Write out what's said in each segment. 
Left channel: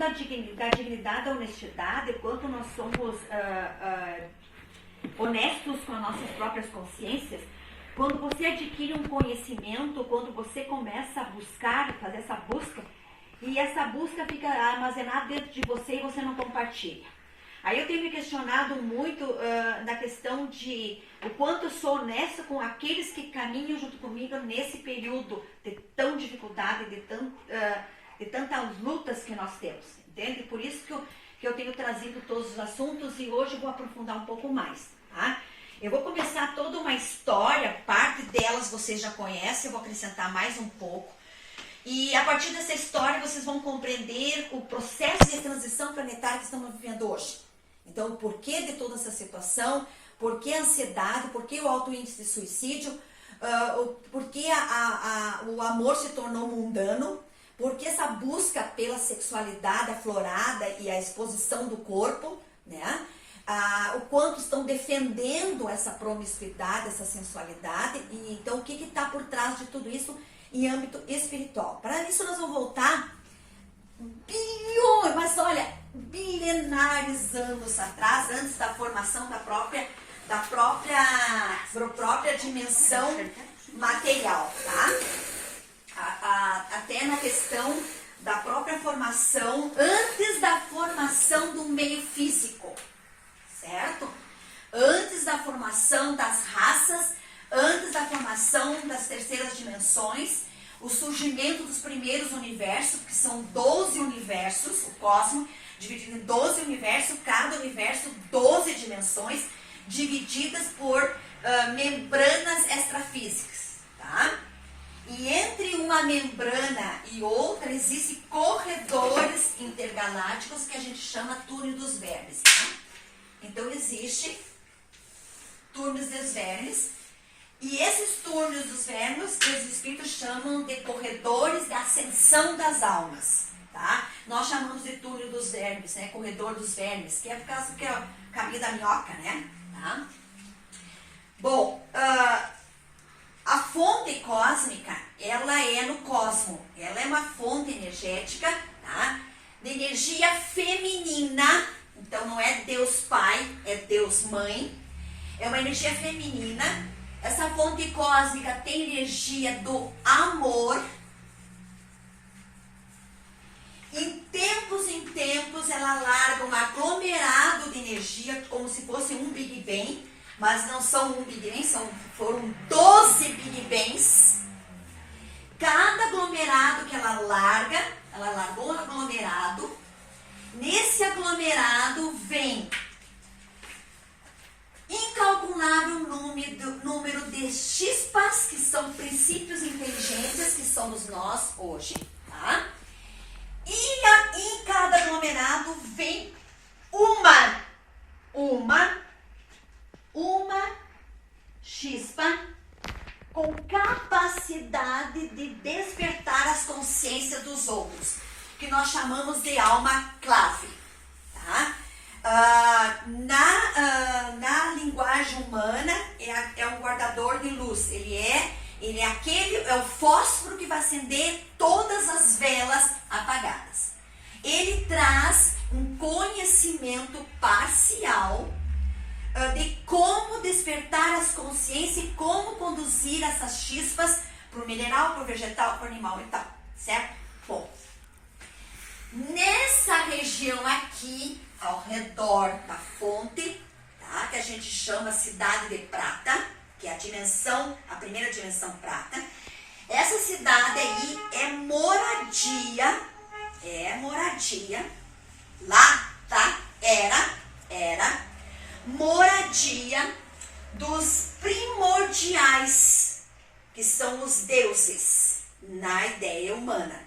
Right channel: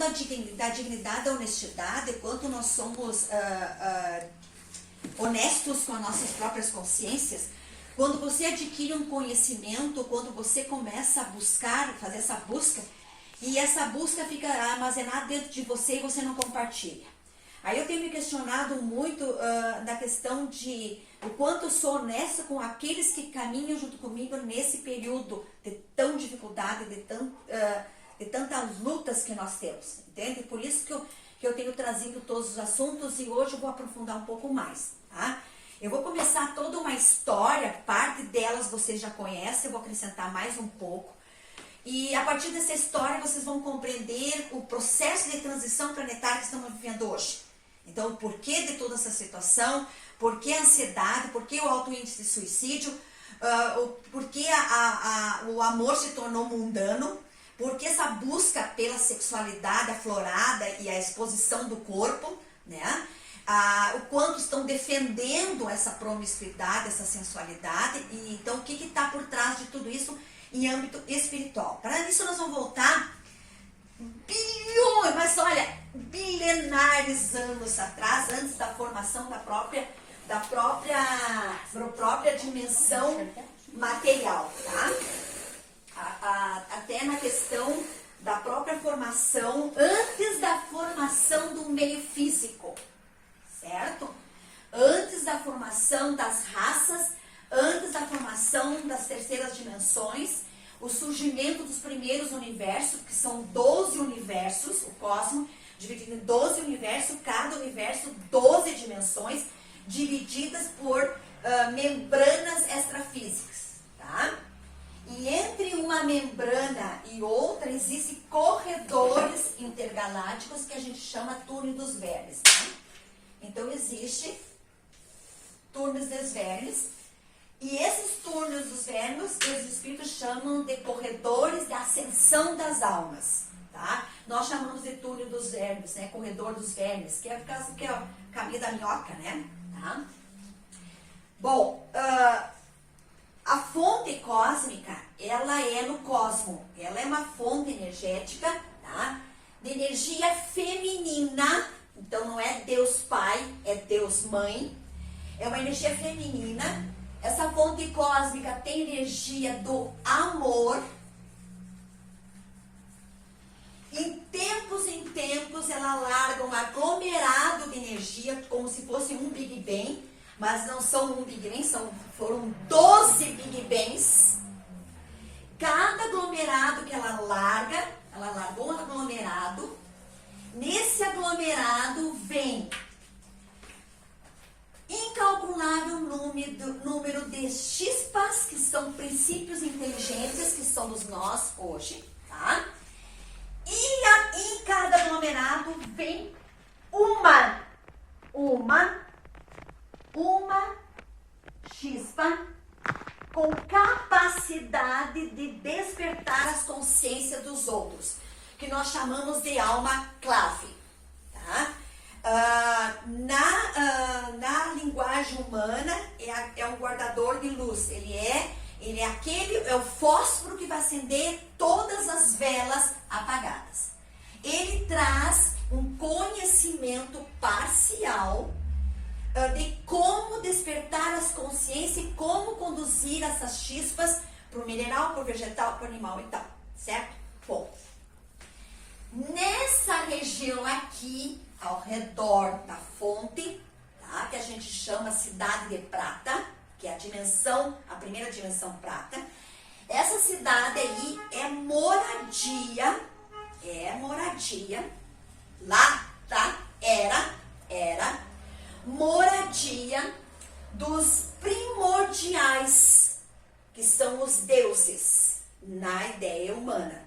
da dignidade, da honestidade, quanto nós somos honestos com as nossas próprias consciências, quando você adquire um conhecimento, quando você começa a buscar, fazer essa busca, e essa busca fica armazenada dentro de você e você não compartilha. Aí eu tenho me questionado muito da questão de o quanto eu sou honesta com aqueles que caminham junto comigo nesse período de tão dificuldade, de tantas lutas que nós temos, entende? Por isso que eu tenho trazido todos os assuntos e hoje eu vou aprofundar um pouco mais, tá? Eu vou começar toda uma história, parte delas vocês já conhecem, eu vou acrescentar mais um pouco. E a partir dessa história vocês vão compreender o processo de transição planetária que estamos vivendo hoje. Então, o porquê de toda essa situação, por que a ansiedade, por que o alto índice de suicídio, por que o amor se tornou mundano, por que essa busca pela sexualidade aflorada e a exposição do corpo, né? O quanto estão defendendo essa promiscuidade, essa sensualidade, e então o que está por trás de tudo isso em âmbito espiritual. Para isso nós vamos voltar bilhões, mas olha, bilenares anos atrás, antes da formação da própria dimensão material, tá? Até na questão da própria formação, antes da formação do meio físico, certo? Antes da formação das raças, antes da formação das terceiras dimensões, o surgimento dos primeiros universos, que são 12 universos, o cosmos, dividido em 12 universos, cada universo 12 dimensões, divididas por membranas extrafísicas, tá? E entre uma membrana e outra existem corredores intergalácticos que a gente chama túnel dos vermes, tá? Então existe túneis dos vermes, e esses túneis dos vermes, os espíritos chamam de corredores de ascensão das almas, tá? Nós chamamos de túnel dos vermes, né? Corredor dos vermes, que é por causa que é o caminho da minhoca, né? Tá? Bom, a fonte cósmica, ela é no cosmos, ela é uma fonte energética, tá? De energia feminina, então não é Deus Pai, é Deus Mãe, é uma energia feminina. Essa fonte cósmica tem energia do amor. Em tempos, ela larga um aglomerado de energia, como se fosse um Big Bang, mas não são um Big Bang, foram 12 Big Bangs. Cada aglomerado que ela largou um aglomerado. Nesse aglomerado vem incalculável número de chispas, que são princípios inteligentes, que somos nós hoje, tá? E em cada aglomerado vem uma chispa com capacidade de despertar as consciências dos outros, que nós chamamos de alma clave, tá? Na linguagem humana é um guardador de luz, ele é o fósforo que vai acender todas as velas apagadas. Ele traz um conhecimento parcial de como despertar as consciências e como conduzir essas chispas para o mineral, para o vegetal, para o animal e tal, certo? Bom, nessa região aqui, ao redor da fonte, tá? Que a gente chama Cidade de Prata, que é a primeira dimensão prata. Essa cidade aí é moradia, lá, tá? Era moradia dos primordiais, que são os deuses, na ideia humana.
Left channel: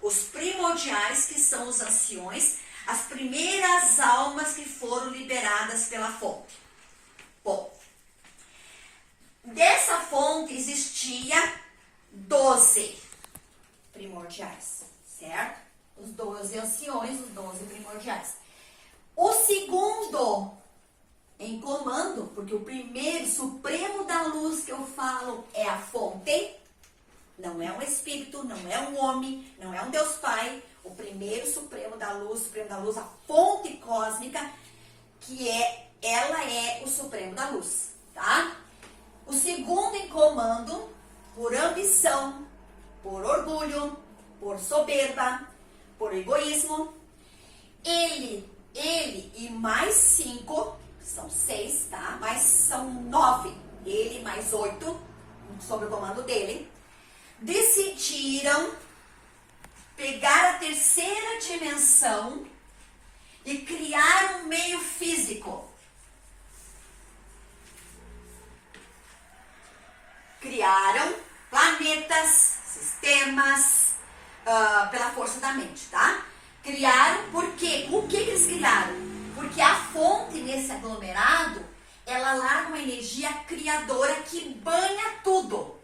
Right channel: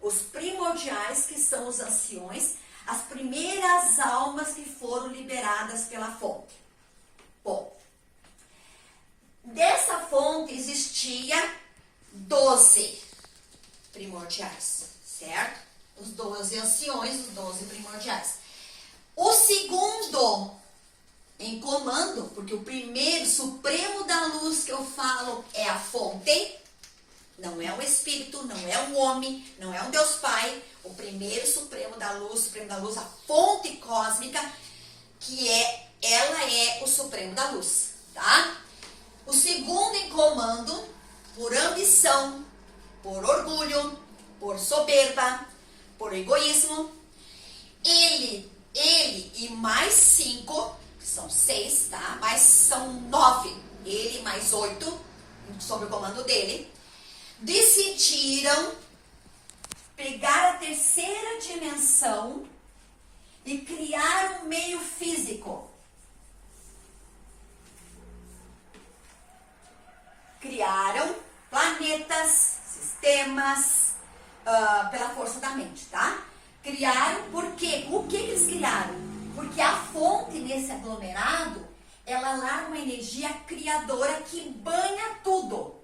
Os primordiais, que são os anciões, as primeiras almas que foram liberadas pela fonte. Bom, dessa fonte existia 12 primordiais, certo? Os 12 anciões, os 12 primordiais. O segundo em comando, porque o primeiro, supremo da luz que eu falo é a fonte, não é um espírito, não é um homem, não é um Deus Pai. O primeiro supremo da luz, a fonte cósmica, ela é o supremo da luz, tá? O segundo em comando, por ambição, por orgulho, por soberba, por egoísmo, ele e mais 5, que são 6, tá? Mas são 9, ele mais 8, sob o comando dele, decidiram pegar a terceira dimensão e criar um meio físico. Criaram planetas, sistemas, pela força da mente, tá? Criaram, por quê? O que eles criaram? Porque a fonte nesse aglomerado, ela larga uma energia criadora que banha tudo.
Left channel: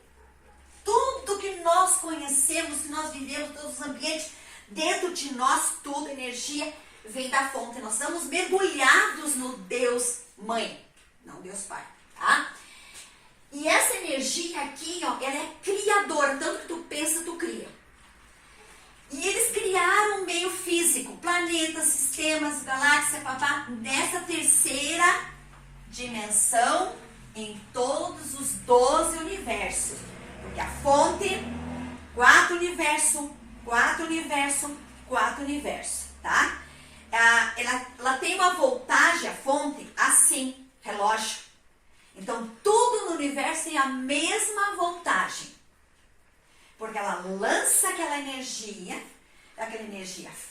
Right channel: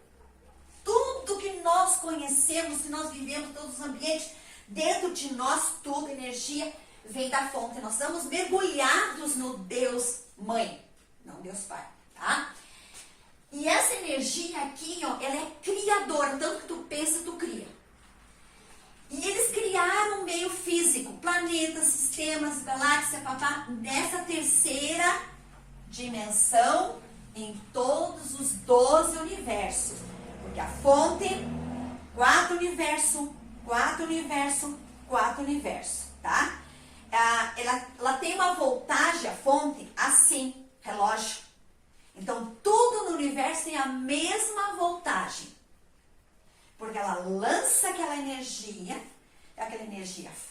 Tudo que nós conhecemos, que nós vivemos, todos os ambientes, dentro de nós, tudo, energia, vem da fonte. Nós estamos mergulhados no Deus Mãe, não Deus Pai, tá? E essa energia aqui, ó, ela é criadora, tanto que tu pensa, tu cria. E eles criaram um meio físico, planetas, sistemas, galáxias, papá, nessa terceira dimensão, em todos os 12 universos. Porque a fonte, 4 universos, 4 universos, 4 universos, tá? Ela tem uma voltagem, a fonte, assim, relógio. Então, tudo no universo tem a mesma voltagem. Porque ela lança aquela energia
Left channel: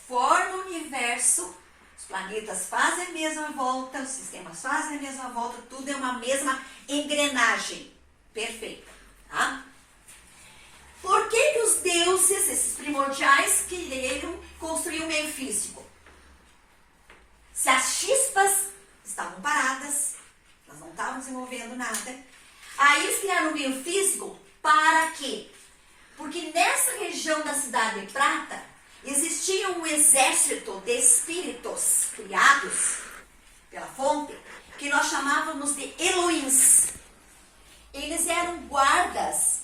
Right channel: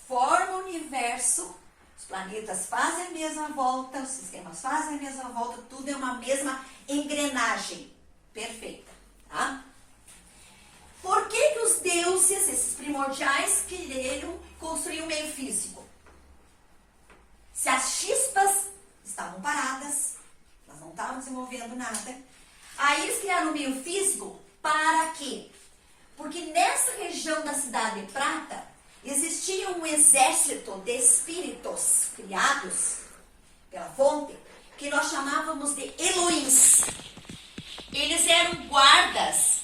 forma o universo, os planetas fazem a mesma volta, os sistemas fazem a mesma volta, tudo é uma mesma engrenagem perfeita, tá? Por que os deuses, esses primordiais, queriam construir um meio físico? Se as chispas estavam paradas, elas não estavam desenvolvendo nada, aí eles criaram um meio físico para quê? Porque nessa região da Cidade de Prata, existia um exército de espíritos criados pela fonte, que nós chamávamos de Elohims. Eles eram guardas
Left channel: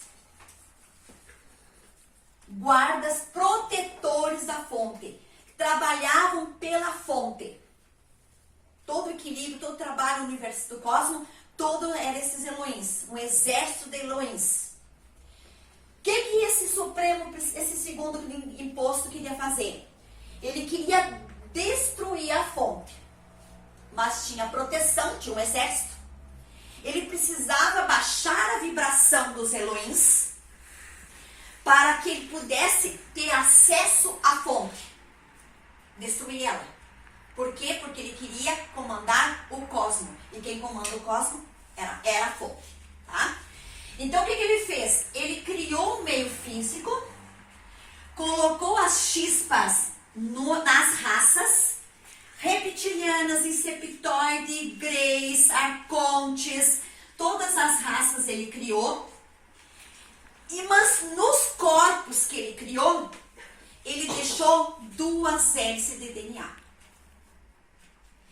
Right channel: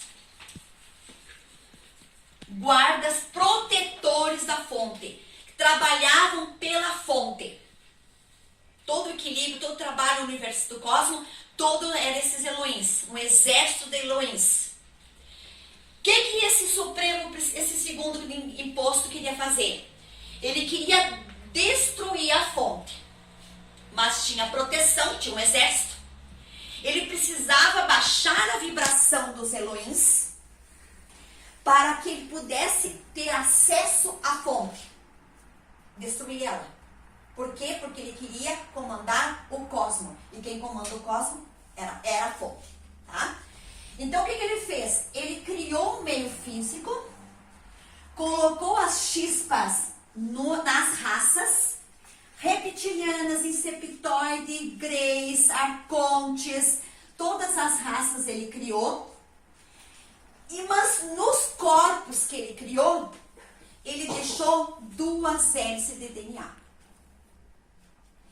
protetores da fonte, que trabalhavam pela fonte. Todo o equilíbrio, todo o trabalho no universo do cosmos, todo era esses Elohims, um exército de Elohims. O que esse segundo imposto queria fazer? Ele queria destruir a fonte, mas tinha proteção, tinha um exército. Ele precisava baixar a vibração dos Elohims para que ele pudesse ter acesso à fonte, destruir ela. Por quê? Porque ele queria comandar o cosmos, e quem comanda o cosmos era a fonte, tá? Então, o que ele fez? Ele criou um meio físico, colocou as chispas nas raças, reptilianas, inseptoide, greys, arcontes, todas as raças ele criou. Mas nos corpos que ele criou, ele deixou 2 hélices de DNA.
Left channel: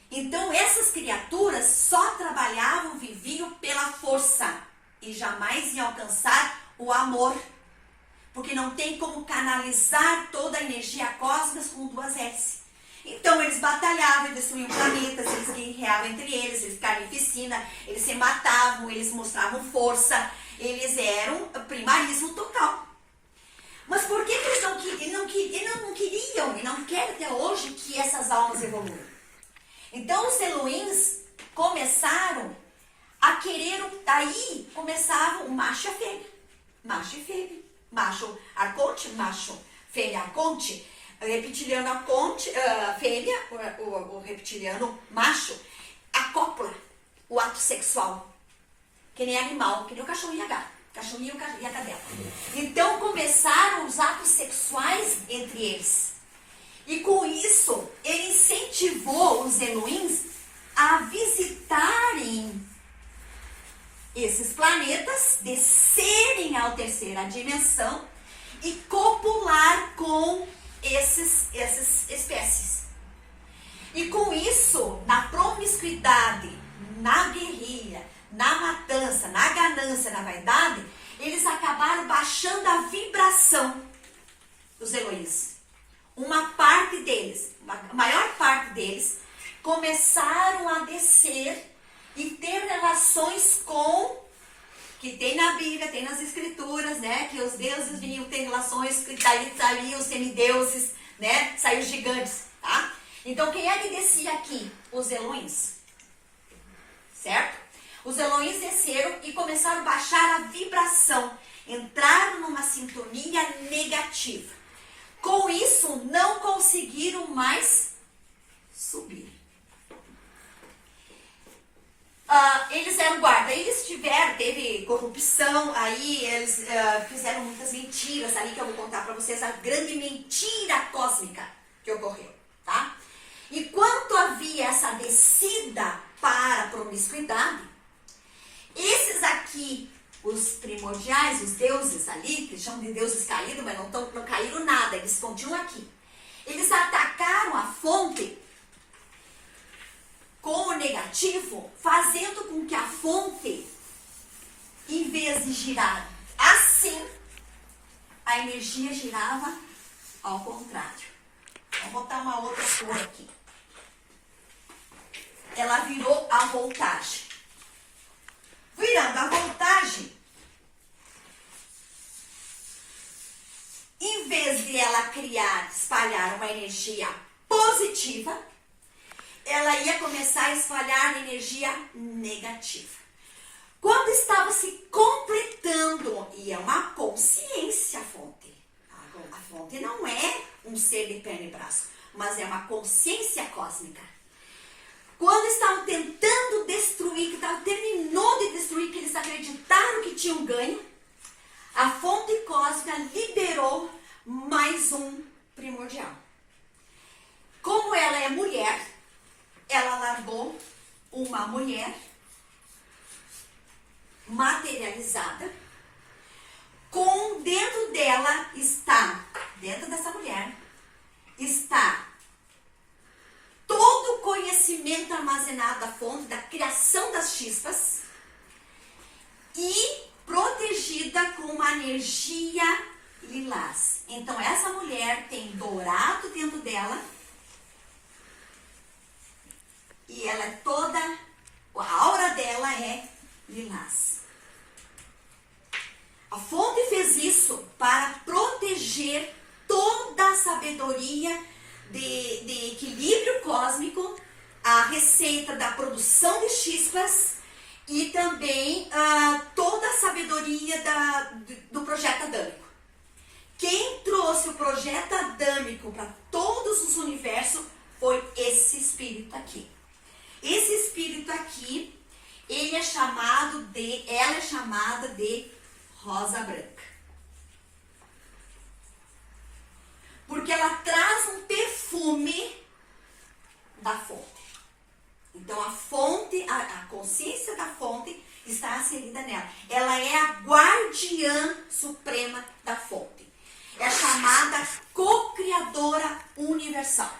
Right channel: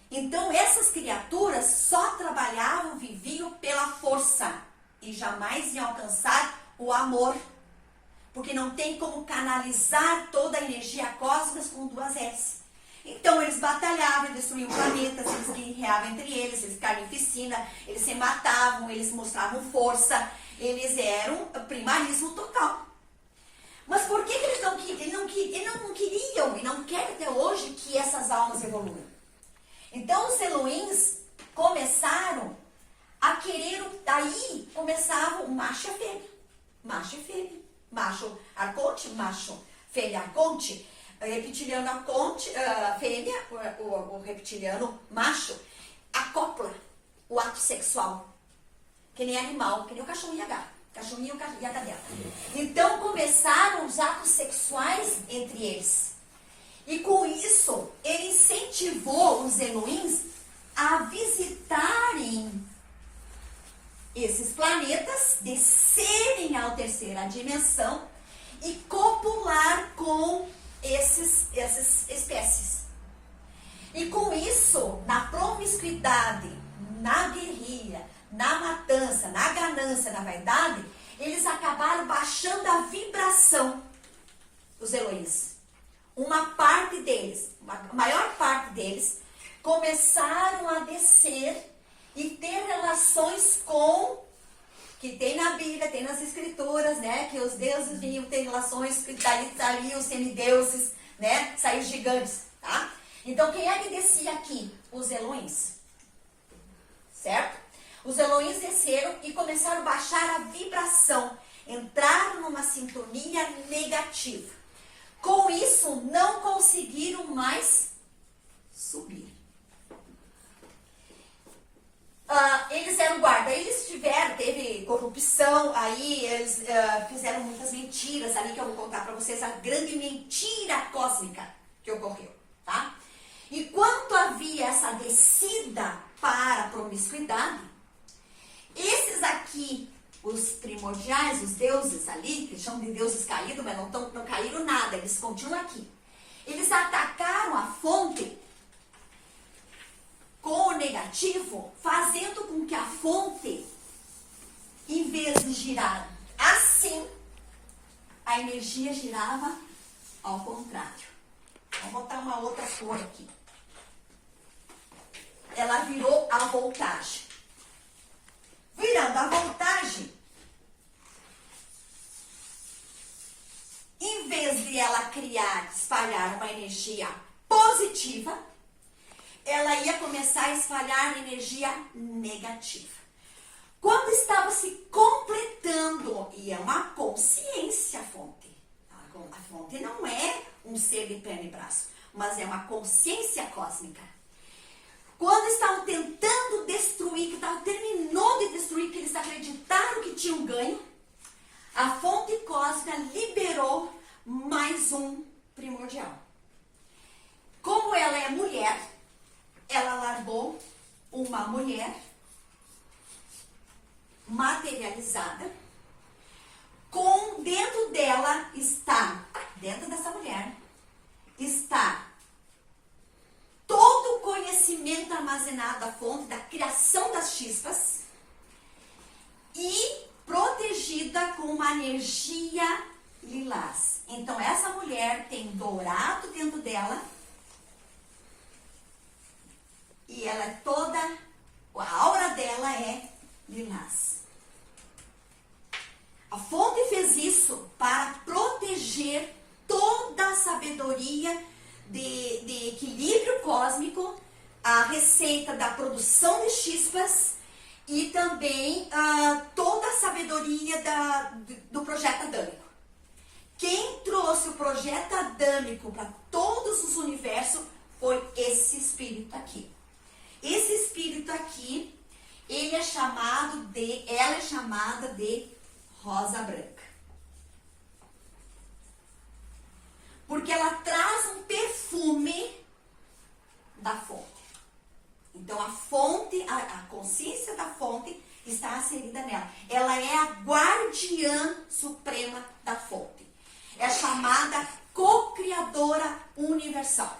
Então, essas criaturas só trabalhavam, viviam pela força e jamais iam alcançar o amor, porque não tem como canalizar toda a energia cósmica com 2 hélices. Então, eles batalhavam, eles destruíam planetas, eles guerreavam entre eles ficavam em piscina, eles se matavam, eles mostravam força, eles eram primarismo total. Mas por que eles não queriam e não querem até hoje que essas almas evoluam? Então, os Elohims começaram a querer, daí começavam o macho e a fêmea. Macho e fêmea. Macho arconte, macho fêmea arconte. Reptiliano arconte, fêmea, o reptiliano macho, acopla o ato sexual. Que nem animal, que nem o cachorro e a gata. Cachorrinho e a cadela. Então começaram os atos sexuais entre eles. E com isso, ele incentivou os Elohims a visitarem esses planetas, descerem à terceira dimensão e copular com essas espécies. E com isso, na promiscuidade, na guerrilha, na matança, na ganância, na vaidade, eles acabaram baixando a vibração dos Elohims. uma parte deles, a maior parte deles, começaram a descer e ter relações com, que tem na Bíblia, tem nas Escrituras, né? Que os deuses vinham ter relações, que daí saíam os semideuses, né? Saíram os gigantes, tá? Então, quem é que descia aqui? Os Elohims, certo? Os Elohims desceram e começaram a baixar a vibração, entraram numa sintonia negativa. Com isso, não conseguiram mais subir. Eles eram guarda, eles teve corrupção, aí eles fizeram muitas mentiras ali, que eu vou contar para vocês, a grande mentira cósmica que ocorreu, tá? Enquanto havia essa descida para a promiscuidade, esses aqui, os primordiais, os deuses ali, que chamam de deuses caídos, mas não caíram nada, eles continuam aqui. Eles atacaram a fonte com o negativo, fazendo com que a fonte, em vez de girar assim, a energia girava ao contrário. Vamos botar uma outra cor aqui. Ela virou a voltagem. Virando a voltagem, em vez de ela espalhar uma energia positiva, ela ia começar a espalhar energia negativa. Quando estava se completando, e é uma consciência a fonte. A fonte não é um ser de perna e braço, mas é uma consciência cósmica. Quando estavam tentando destruir, que terminou de destruir, que eles acreditaram que tinham ganho, a fonte cósmica liberou mais um primordial. Como ela é mulher, ela largou uma mulher materializada, com dentro dela está, dentro dessa mulher, está todo o conhecimento armazenado da fonte, da criação das chispas, e protegida com uma energia lilás. Então, essa mulher tem dourado dentro dela, e ela é toda, a aura dela é lilás. A fonte fez isso para proteger toda a sabedoria de equilíbrio cósmico, a receita da produção de chispas e também toda a sabedoria do projeto adâmico. Quem trouxe o projeto adâmico para todos os universos foi esse espírito aqui. Esse espírito aqui, ela é chamada de rosa branca. Porque ela traz um perfume da fonte. Então, a fonte, a consciência da fonte está inserida nela. Ela é a guardiã suprema da fonte. É chamada co-criadora universal.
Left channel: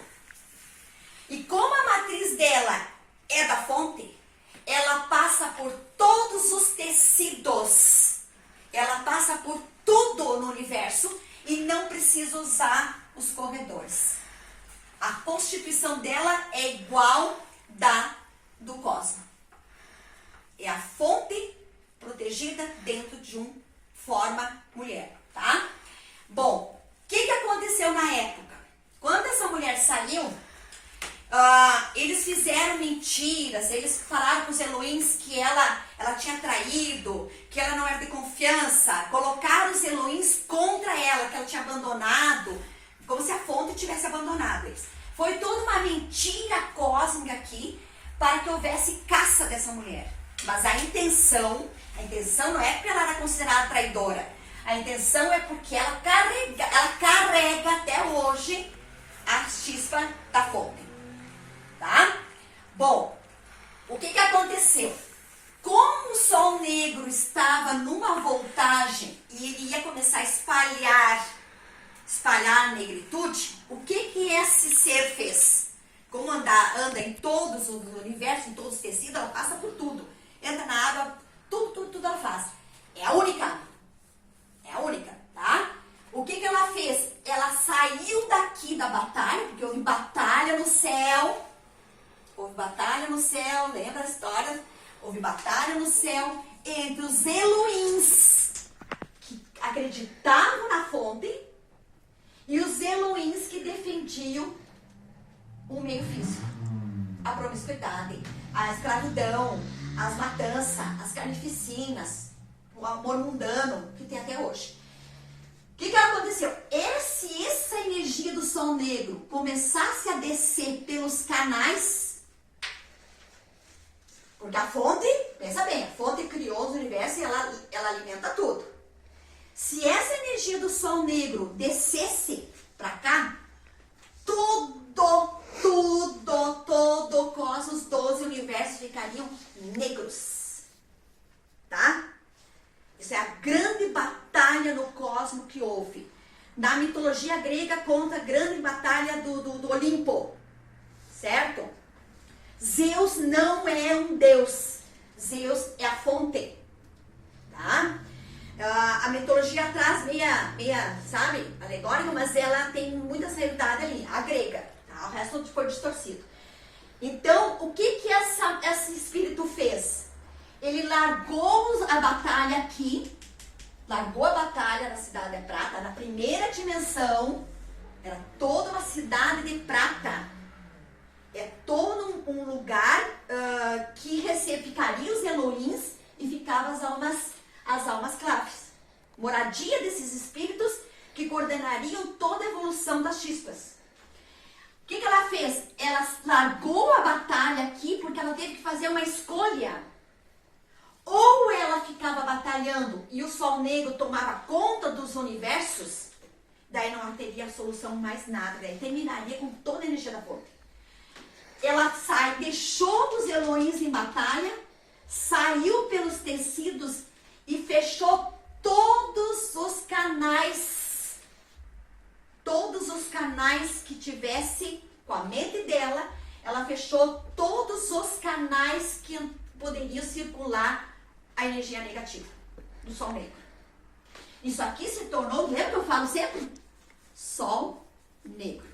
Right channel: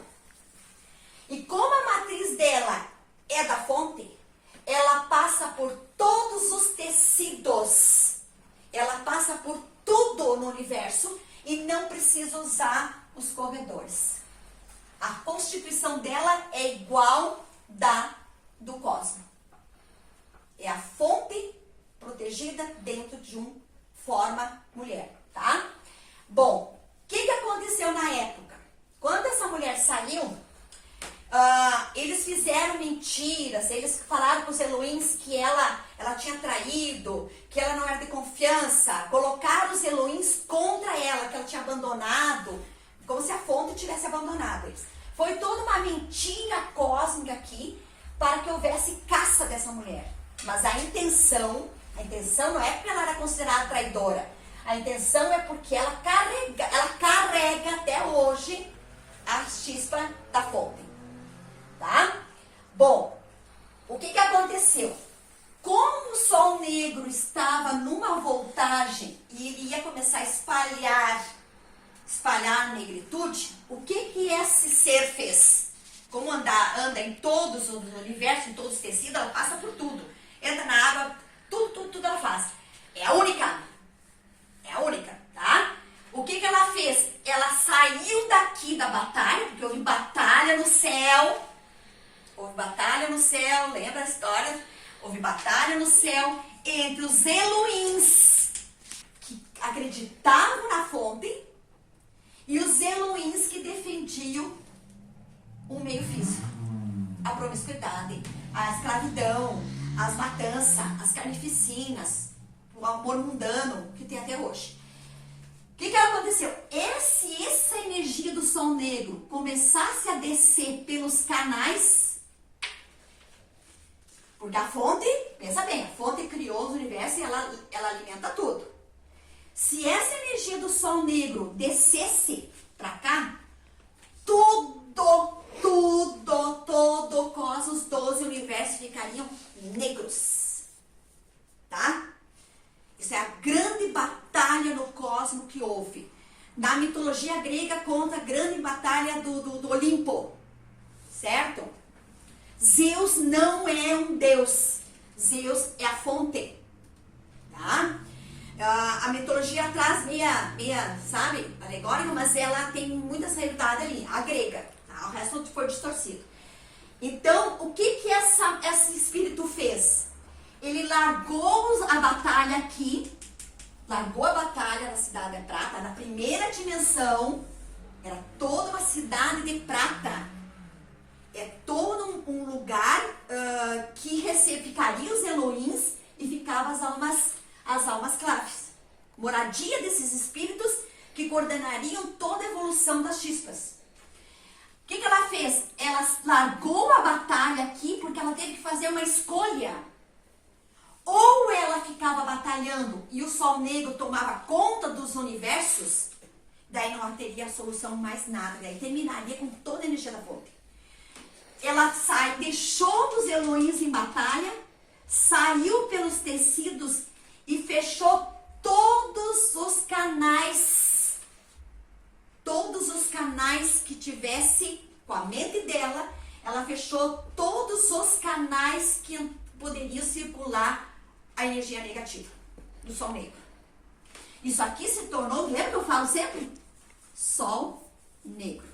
E como a matriz dela é da fonte, ela passa por todos os tecidos. Ela passa por tudo no universo e não precisa usar os corredores. A constituição dela é igual do cosmos. É a fonte protegida dentro de uma forma mulher, tá? Bom, o que aconteceu na época? Quando essa mulher saiu, eles fizeram mentiras, eles falaram com os Elohims que ela tinha traído, que ela não era de confiança, colocaram os Elohims contra ela, que ela tinha abandonado, como se a fonte tivesse abandonado eles. Foi toda uma mentira cósmica aqui para que houvesse caça dessa mulher. Mas a intenção não é porque ela era considerada traidora. A intenção é porque ela carrega até hoje a chispa da fonte. Tá? Bom, o que aconteceu? Como o sol negro estava numa voltagem e ele ia começar a espalhar a negritude, o que esse ser fez? Como anda em todos os universos, em todos os tecidos, ela passa por tudo. Entra na água, tudo ela faz. É a única, tá? O que ela fez? Ela saiu daqui da batalha, porque houve batalha no céu. Houve batalha no céu, lembra a história? Houve batalha no céu entre os Elohims, que acreditavam na fonte, e os Elohims que defendiam o meio físico. A promiscuidade, a escravidão, as matanças, as carnificinas, o amor mundano que tem até hoje. O que aconteceu? Se essa energia do Sol Negro começasse a descer pelos canais, porque a fonte, pensa bem, a fonte criou o universo e ela alimenta tudo. Se essa energia do Sol Negro descesse para cá, todo o cosmos, 12 universos ficariam negros. Tá? Isso é a grande batalha no cosmos que houve. Na mitologia grega conta a grande batalha do Olimpo. Certo? Zeus não é um deus. Zeus é a fonte. Tá? A mitologia traz meia, sabe, alegórica, mas ela tem muitas realidades ali, a grega. Tá? O resto foi distorcido. Então, o que esse espírito fez? Ele largou a batalha aqui, largou a batalha da Cidade de Prata, na primeira dimensão, era toda uma cidade de prata. É todo um lugar que ficaria os Elohims e ficavam as almas claves. Moradia desses espíritos que coordenariam toda a evolução das chispas. O que ela fez? Ela largou a batalha aqui porque ela teve que fazer uma escolha. Ou ela ficava batalhando e o Sol Negro tomava conta dos universos, daí não teria solução mais nada, daí terminaria com toda a energia da fonte. Ela deixou os Elohims em batalha, saiu pelos tecidos e fechou todos os canais que tivesse com a mente dela, ela fechou todos os canais que poderiam circular a energia negativa do Sol Negro. Isso aqui se tornou, lembra que eu falo sempre? Sol Negro.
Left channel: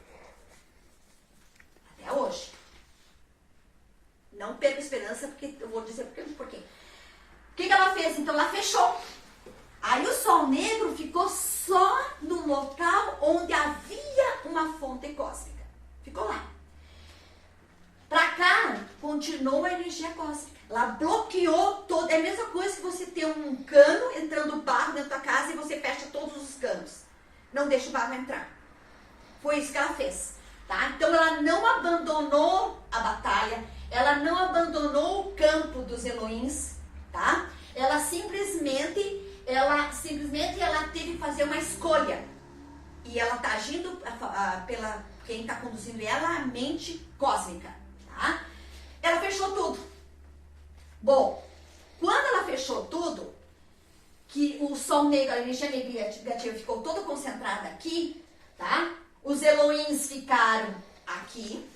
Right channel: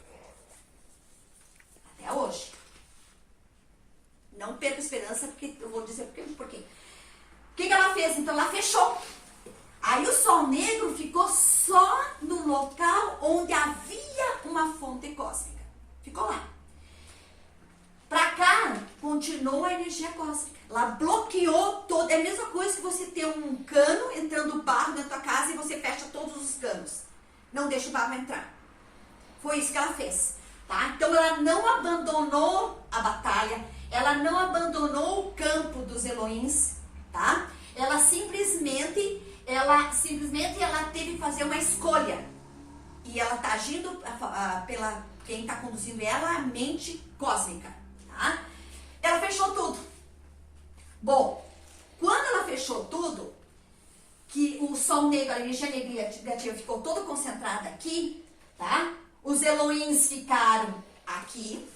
Até hoje. Não perca esperança, porque eu vou dizer por quê. O que ela fez? Então ela fechou. Aí o Sol Negro ficou só no local onde havia uma fonte cósmica. Ficou lá. Pra cá, continuou a energia cósmica. Ela bloqueou todo. É a mesma coisa que você ter um cano entrando barro na tua casa e você fecha todos os canos. Não deixa o barro entrar. Foi isso que ela fez. Tá? Então ela não abandonou a batalha. Ela não abandonou o campo dos Elohims. Tá? Ela simplesmente teve que fazer uma escolha. E ela está agindo pela quem está conduzindo ela, a mente cósmica. Tá? Ela fechou tudo. Bom, quando ela fechou tudo, que o Sol Negro, a energia negativa ficou toda concentrada aqui, tá? Os Elohims ficaram aqui,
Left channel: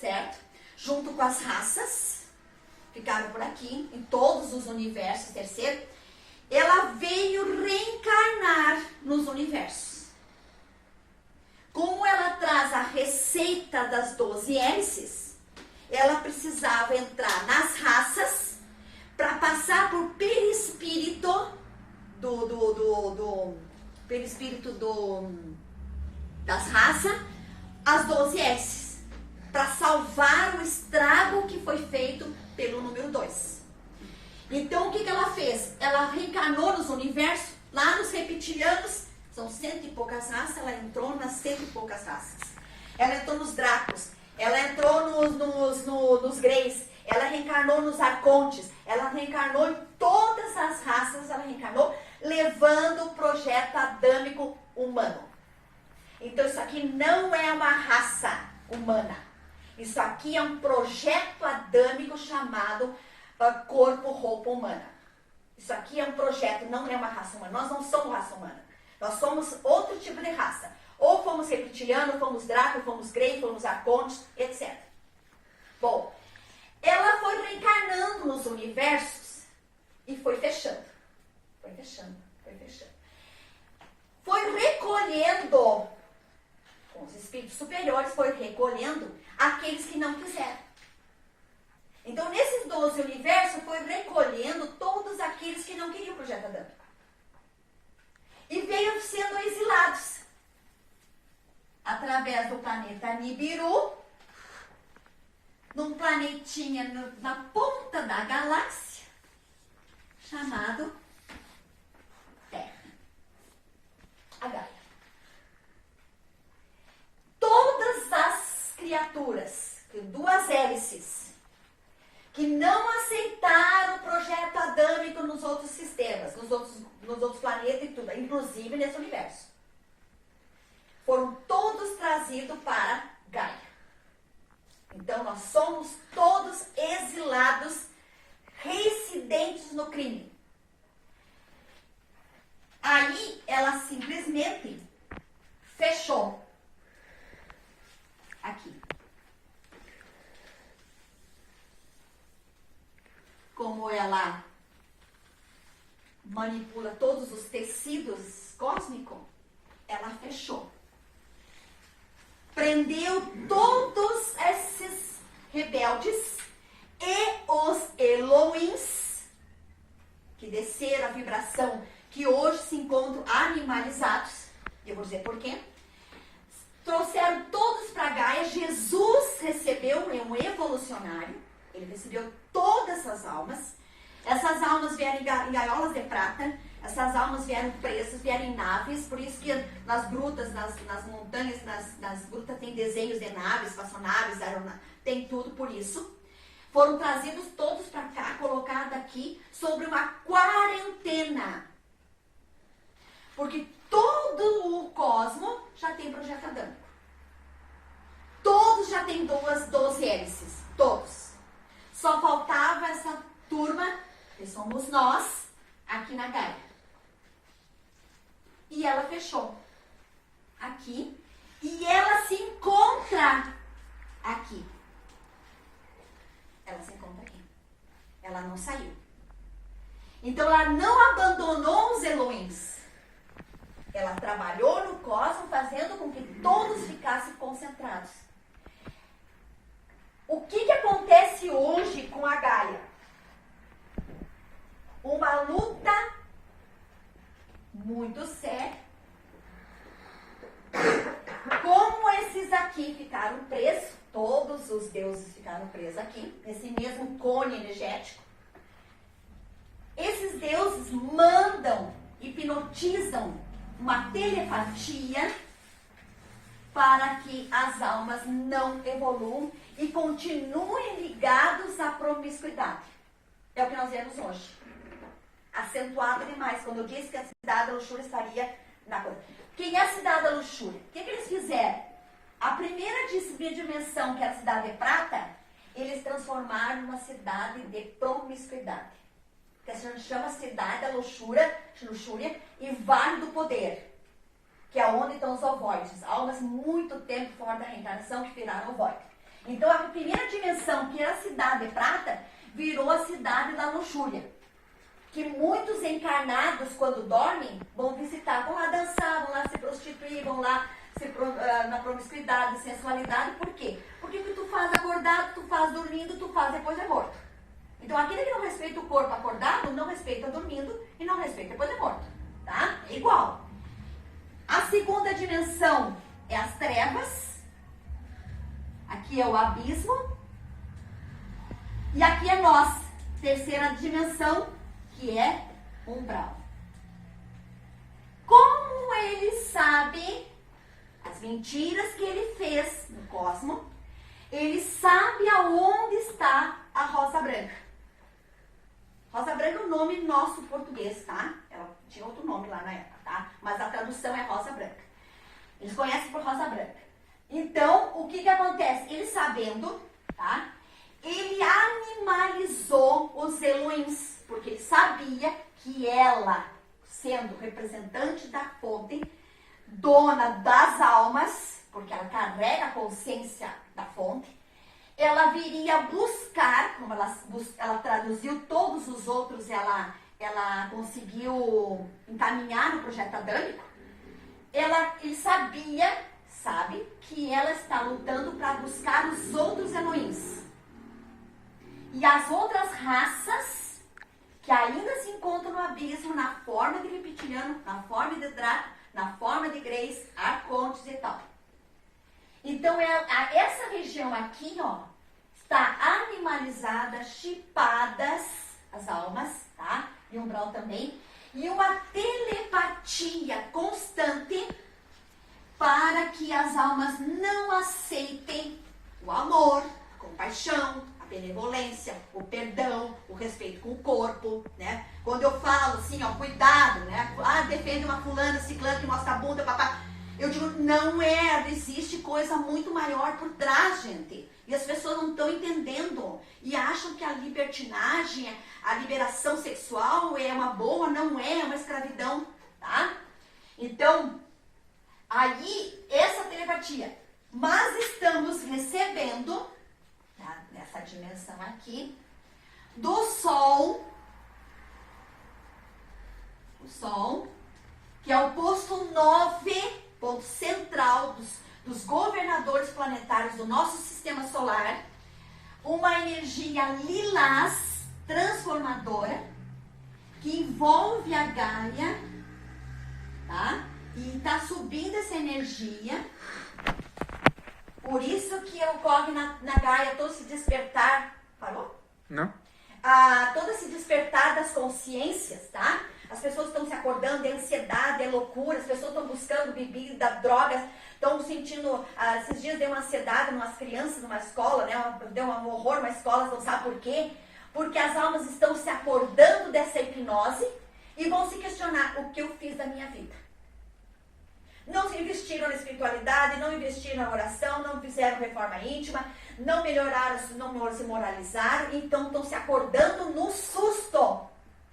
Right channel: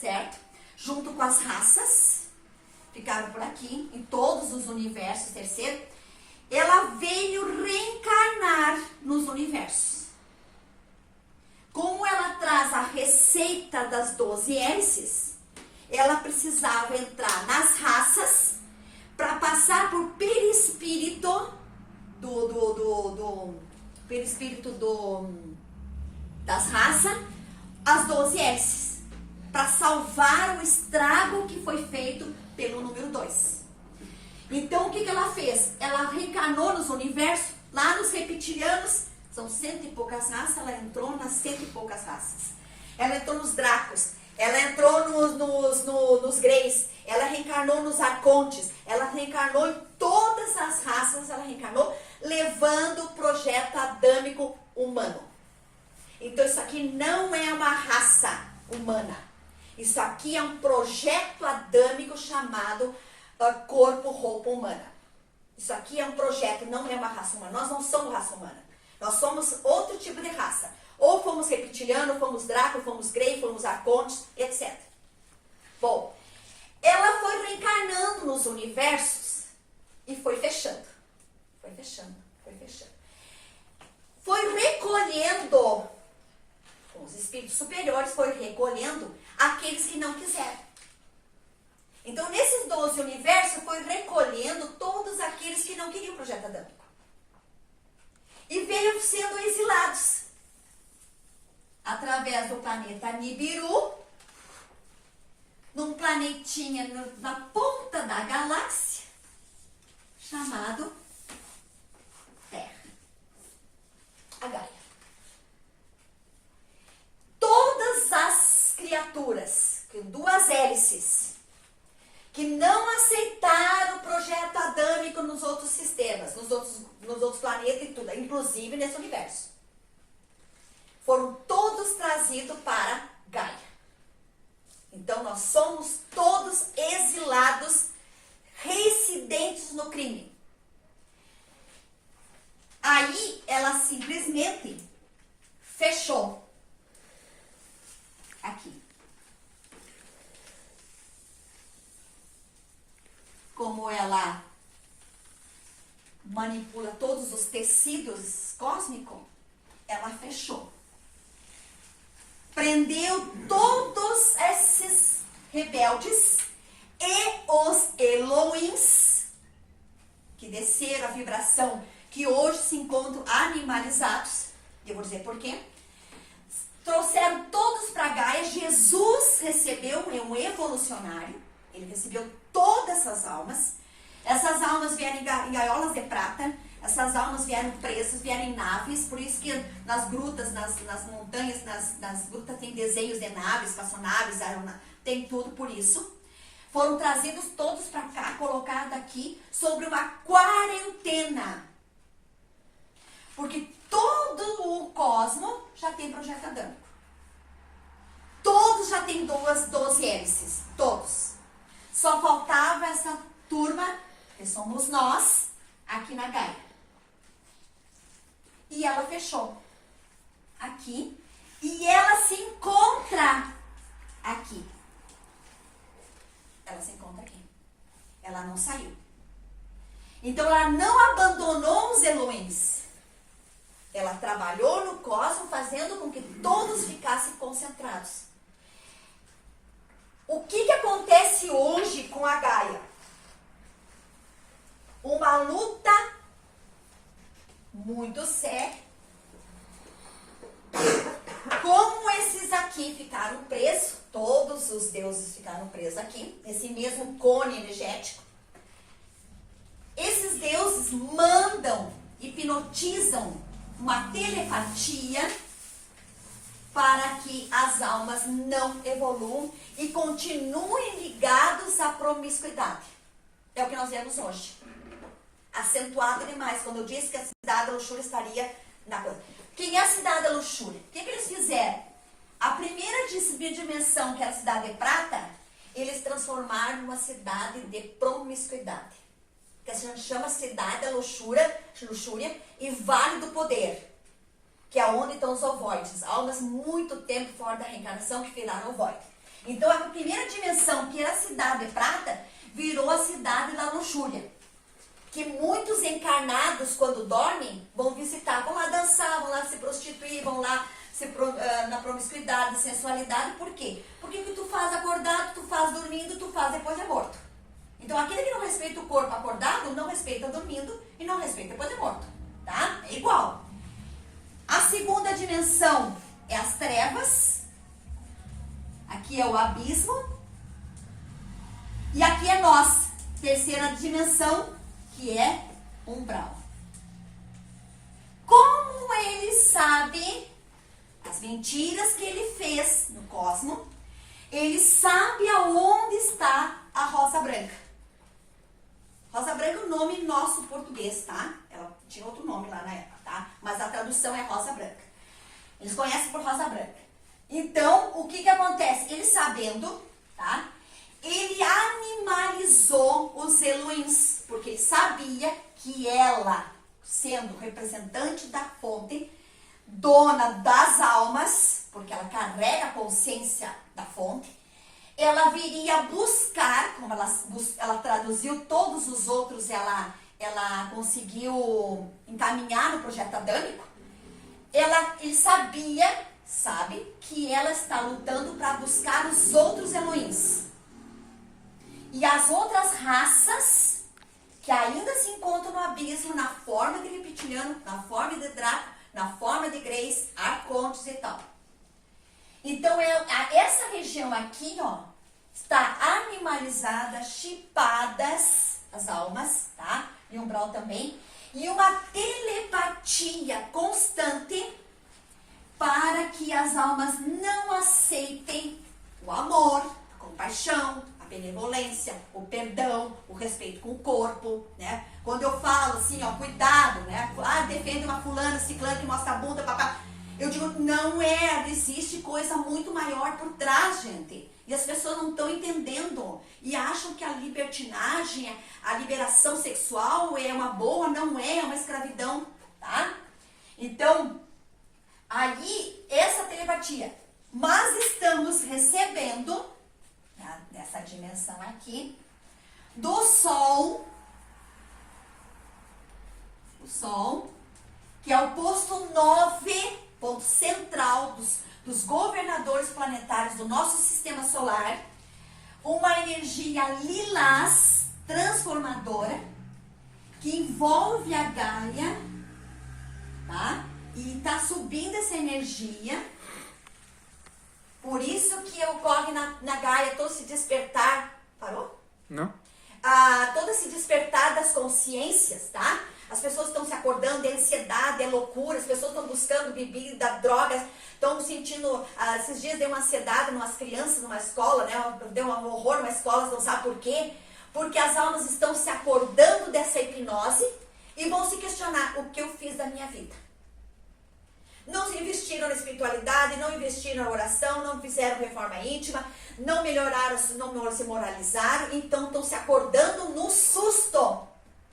certo? Junto com as raças, ficaram por aqui, em todos os universos terceiro. Ela veio reencarnar nos universos. Como ela traz a receita das 12 hélices, ela precisava entrar nas raças para passar por perispírito das raças, as 12 hélices, para salvar o estrago que foi feito pelo número 2. Então, o que ela fez? Ela reencarnou nos universos, lá nos reptilianos, são 100 e poucas raças, ela entrou nas 100 e poucas raças. Ela entrou nos Dracos, ela entrou nos Greys, ela reencarnou nos Arcontes, ela reencarnou em todas as raças, ela reencarnou, levando o projeto adâmico humano. Então, isso aqui não é uma raça humana. Isso aqui é um projeto adâmico chamado corpo-roupa humana. Isso aqui é um projeto, não é uma raça humana. Nós não somos raça humana. Nós somos outro tipo de raça. Ou fomos reptiliano, fomos Draco, fomos Grey, fomos Arcontes, etc. Bom, ela foi reencarnando nos universos e foi fechando. Foi fechando, foi fechando. foi recolhendo, com os espíritos superiores, foi recolhendo aqueles que não quiseram. Então, nesses 12 universos, foi recolhendo todos aqueles que não queriam o projeto adâmico. E veio sendo exilados através do planeta Nibiru, num planetinha na ponta da galáxia, chamado Terra, a Gaia. Todas as criaturas, com duas hélices, que não aceitaram o projeto adâmico nos outros sistemas, nos outros planetas e tudo, inclusive nesse universo, foram todos trazidos para Gaia. Então, nós somos todos exilados, residentes no crime. Aí, ela simplesmente fechou. Aqui. Como ela manipula todos os tecidos cósmicos, ela fechou. Prendeu todos esses rebeldes e os Elohims, que desceram a vibração, que hoje se encontram animalizados. Eu vou dizer por quê. Trouxeram todos para Gaia. Jesus recebeu, um evolucionário, ele recebeu todas essas almas. Essas almas vieram em gaiolas de prata. Essas almas vieram presas, vieram em naves. Por isso que nas grutas, nas montanhas, nas grutas tem desenhos de naves, espaçonaves, tem tudo por isso. Foram trazidos todos para cá, colocados aqui, sobre uma quarentena. Porque todo o cosmo já tem projeto adâmico. Todos já tem 12 hélices. Todos. Só faltava essa turma, que somos nós, aqui na Gaia. E ela fechou aqui. E ela se encontra aqui. Ela se encontra aqui. Ela não saiu. Então, ela não abandonou os Elohims. Ela trabalhou no cosmos, fazendo com que todos ficassem concentrados. O que acontece hoje com a Gaia? Uma luta muito séria. Como esses aqui ficaram presos, todos os deuses ficaram presos aqui, nesse mesmo cone energético. Esses deuses mandam, hipnotizam uma telepatia para que as almas não evoluam e continuem ligados à promiscuidade. É o que nós vemos hoje. Acentuado demais, quando eu disse que a cidade da luxúria estaria na coisa. Quem é a cidade da luxúria? O que eles fizeram? A primeira dimensão, que era a cidade de prata, eles transformaram numa cidade de promiscuidade. Que a gente chama cidade da luxúria e vale do poder. Que é onde estão os ovoides. Almas muito tempo fora da reencarnação que viraram ovoide. Então a primeira dimensão, que era a cidade de prata, virou a cidade da luxúria. Que muitos encarnados, quando dormem, vão visitar, vão lá dançar, vão lá se prostituir, vão lá na promiscuidade, sensualidade. Por quê? Porque o que tu faz acordado, tu faz dormindo, tu faz depois de morto. Então aquele que não respeita o corpo acordado, não respeita dormindo e não respeita depois de morto. Tá? É igual. A segunda dimensão é as trevas. Aqui é o abismo. E aqui é nós. Terceira dimensão, que é umbral. Como ele sabe as mentiras que ele fez no cosmos, ele sabe aonde está a rosa branca. Rosa branca é o nome nosso português, tá? Ela tinha outro nome lá na época, tá? Mas a tradução é rosa branca. Eles conhecem por rosa branca. Então, o que acontece? Ele sabendo, tá? Ele animalizou os Elohims, porque ele sabia que ela, sendo representante da fonte, dona das almas, porque ela carrega a consciência da fonte, ela viria buscar, como ela traduziu todos os outros, ela conseguiu encaminhar no projeto adâmico, ele sabe que ela está lutando para buscar os outros Elohims. E as outras raças que ainda se encontram no abismo, na forma de reptiliano, na forma de Draco, na forma de Grace, arcontes e tal. Então, essa região aqui, ó, está animalizada, chipadas, as almas, tá? E o umbral também. E uma telepatia constante para que as almas não aceitem o amor, a compaixão, a benevolência, o perdão, o respeito com o corpo, né? Quando eu falo assim, ó, cuidado, né? Ah, defende uma fulana, ciclana que mostra a bunda, papá. Eu digo, não existe coisa muito maior por trás, gente. E as pessoas não estão entendendo. E acham que a libertinagem, a liberação sexual é uma boa, não é uma escravidão, tá? Então, aí, essa telepatia. Mas estamos recebendo, tá, nessa dimensão aqui, do Sol, o Sol, que é o posto 9, ponto central dos governadores planetários do nosso sistema solar, uma energia lilás transformadora que envolve a Gaia, tá? E está subindo essa energia. Por isso que ocorre na Gaia todo esse despertar. Parou? Não. Todo esse despertar das consciências, tá? As pessoas estão se acordando, é ansiedade, é loucura, as pessoas estão buscando bebida, drogas, estão sentindo, esses dias deu uma ansiedade nas crianças numa escola, né? Deu um horror numa escola, não sabe por quê? Porque as almas estão se acordando dessa hipnose e vão se questionar, o que eu fiz da minha vida? Não investiram na espiritualidade, não investiram na oração, não fizeram reforma íntima, não melhoraram, não se moralizaram, então estão se acordando no susto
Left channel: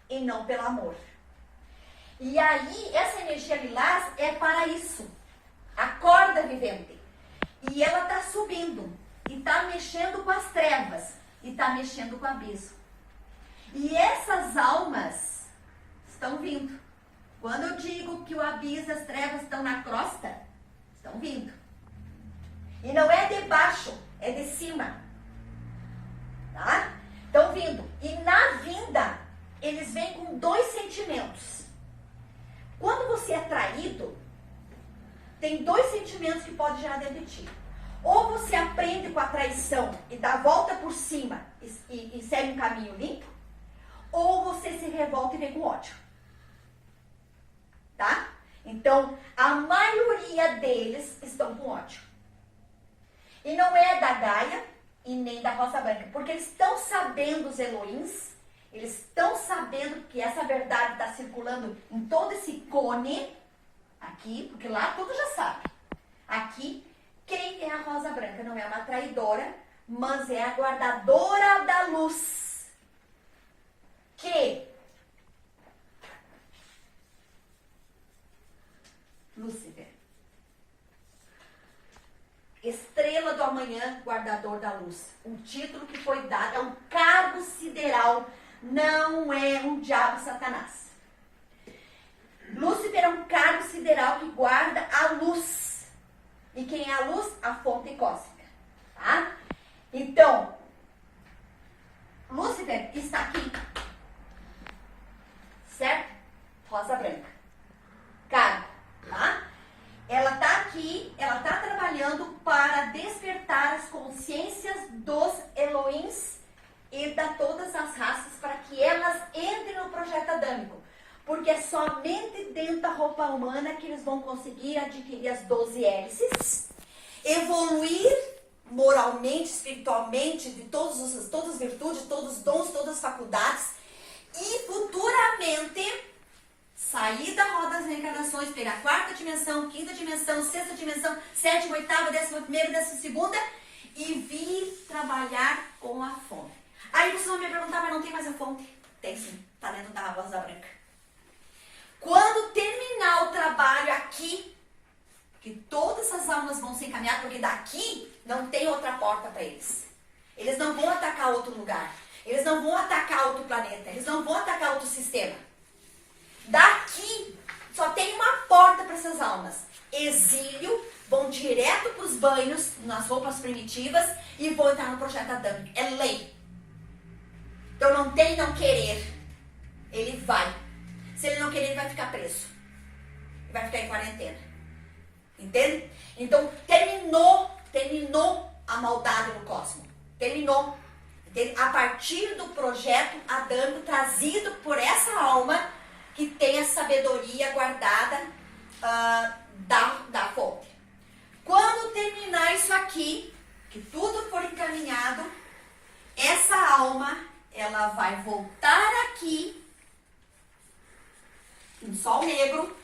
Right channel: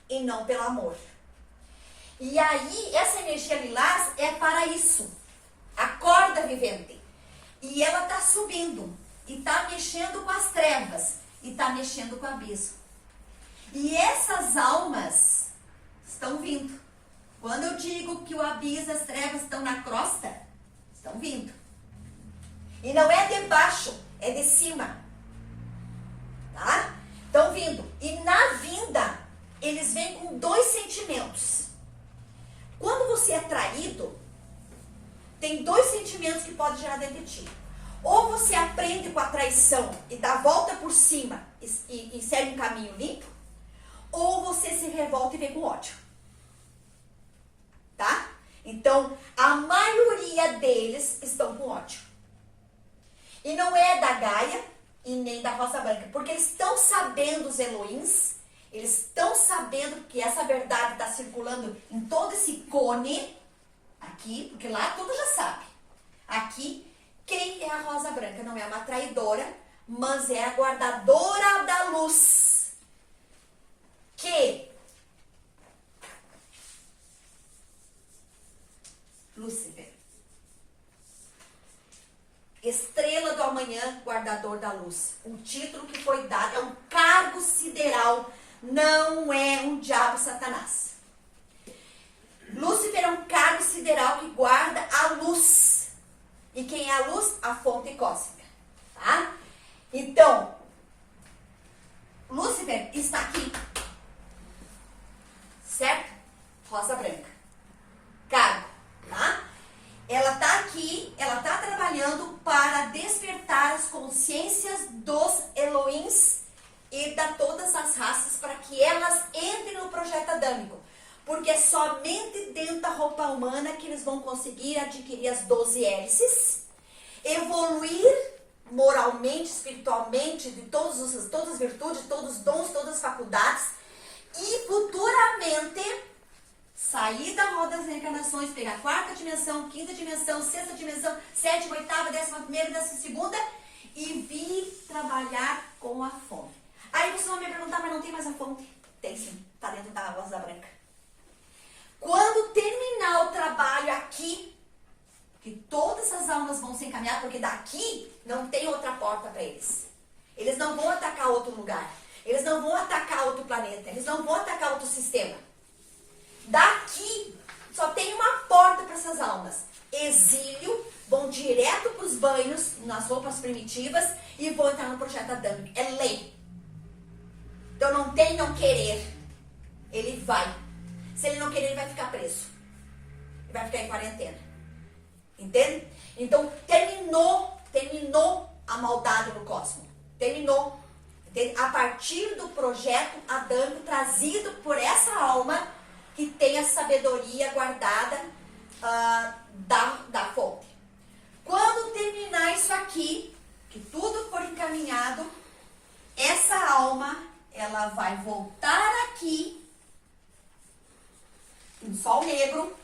e não pelo amor. E aí, essa energia lilás é para isso. Acorda, vivente. E ela está subindo. E está mexendo com as trevas. E está mexendo com o abismo. E essas almas estão vindo. Quando eu digo que o abismo, as trevas estão na crosta, estão vindo. E não é de baixo, é de cima. Tá? Estão vindo. E na vinda, eles vêm com dois sentimentos. Quando você é traído, tem dois sentimentos que podem gerar dentro de ti. Ou você aprende com a traição e dá a volta por cima e segue um caminho limpo, ou você se revolta e vem com ódio. Tá? Então, a maioria deles estão com ódio. E não é da Gaia e nem da Rosa Branca, porque eles estão sabendo os Elohims. Eles estão sabendo que essa verdade está circulando em todo esse cone aqui, porque lá tudo já sabe. Aqui, quem é a Rosa Branca? Não é uma traidora, mas é a guardadora da luz. Que Lúcifer, estrela do amanhã, guardador da luz. Um título que foi dado, é um cargo sideral. Não é um diabo Satanás. Lúcifer é um cargo sideral que guarda a luz. E quem é a luz? A fonte cósmica. Tá? Então, Lúcifer está aqui. Certo? Rosa Branca. Cargo. Tá? Ela está aqui, ela está trabalhando para despertar as consciências dos Elohims e da todas as raças para que elas entrem no projeto adâmico. Porque é somente dentro da roupa humana que eles vão conseguir adquirir as 12 hélices, evoluir moralmente, espiritualmente, de todas as virtudes, todos os dons, todas as faculdades, e futuramente sair da roda das reencarnações, pegar a quarta dimensão, quinta dimensão, sexta dimensão, sétima, oitava, 11ª, 12ª, e vir trabalhar com a fonte. Aí você vai me perguntar, mas não tem mais a fonte? Tem sim, tá dentro da Rosa Branca. Quando terminar o trabalho aqui, que todas as almas vão se encaminhar, porque daqui não tem outra porta para eles. Eles não vão atacar outro lugar. Eles não vão atacar outro planeta. Eles não vão atacar outro sistema. Daqui só tem uma porta para essas almas. Exílio, vão direto para os banhos, nas roupas primitivas, e vão entrar no projeto adâmico. É lei. Então não tem não querer. Ele vai. Se ele não querer, ele vai ficar preso. Ele vai ficar em quarentena. Entende? Então terminou a maldade no cosmos. Terminou. Entende? A partir do projeto adâmico trazido por essa alma que tem a sabedoria guardada da fonte. Quando terminar isso aqui, que tudo for encaminhado, essa alma, ela vai voltar aqui, em sol negro,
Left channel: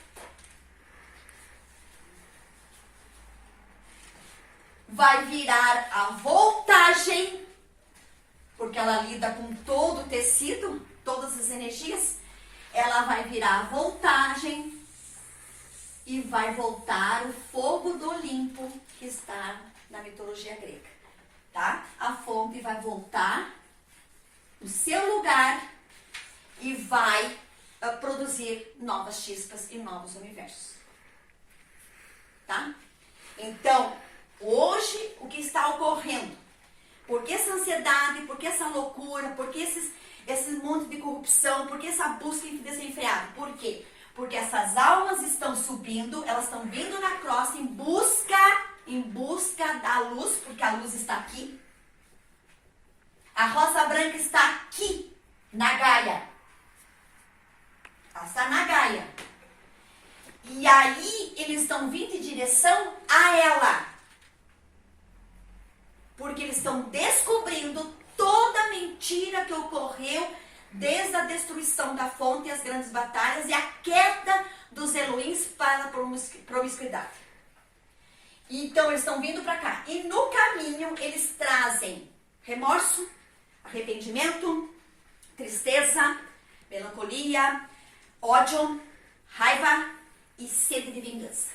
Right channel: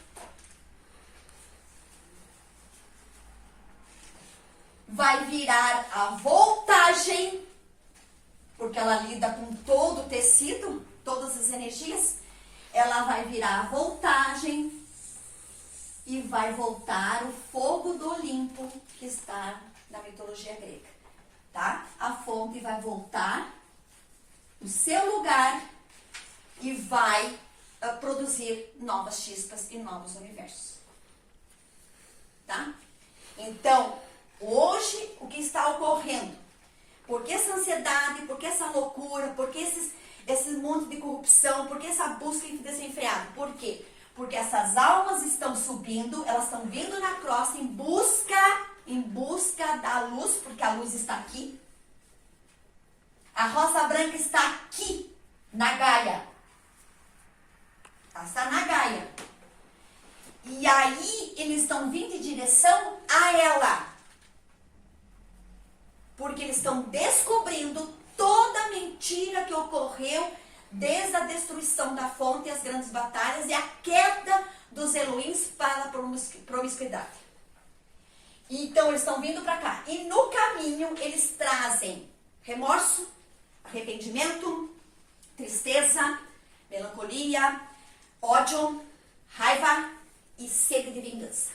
vai virar a voltagem, porque ela lida com todo o tecido, todas as energias, ela vai virar a voltagem e vai voltar o fogo do Olimpo, que está na mitologia grega, tá? A fonte vai voltar o seu lugar e vai produzir novas chispas e novos universos, tá? Então, hoje, o que está ocorrendo? Por que essa ansiedade, por que essa loucura, por que esse monte de corrupção, por que essa busca desenfreada? Por quê? Porque essas almas estão subindo, elas estão vindo na crosta em busca da luz, porque a luz está aqui. A rosa branca está aqui, na Gaia. Ela está na Gaia. E aí, eles estão vindo em direção a ela. Porque eles estão descobrindo toda a mentira que ocorreu desde a destruição da fonte e as grandes batalhas e a queda dos Elohims para a promiscuidade. Então, eles estão vindo para cá. E no caminho, eles trazem remorso, arrependimento, tristeza, melancolia, ódio, raiva e sede de vingança.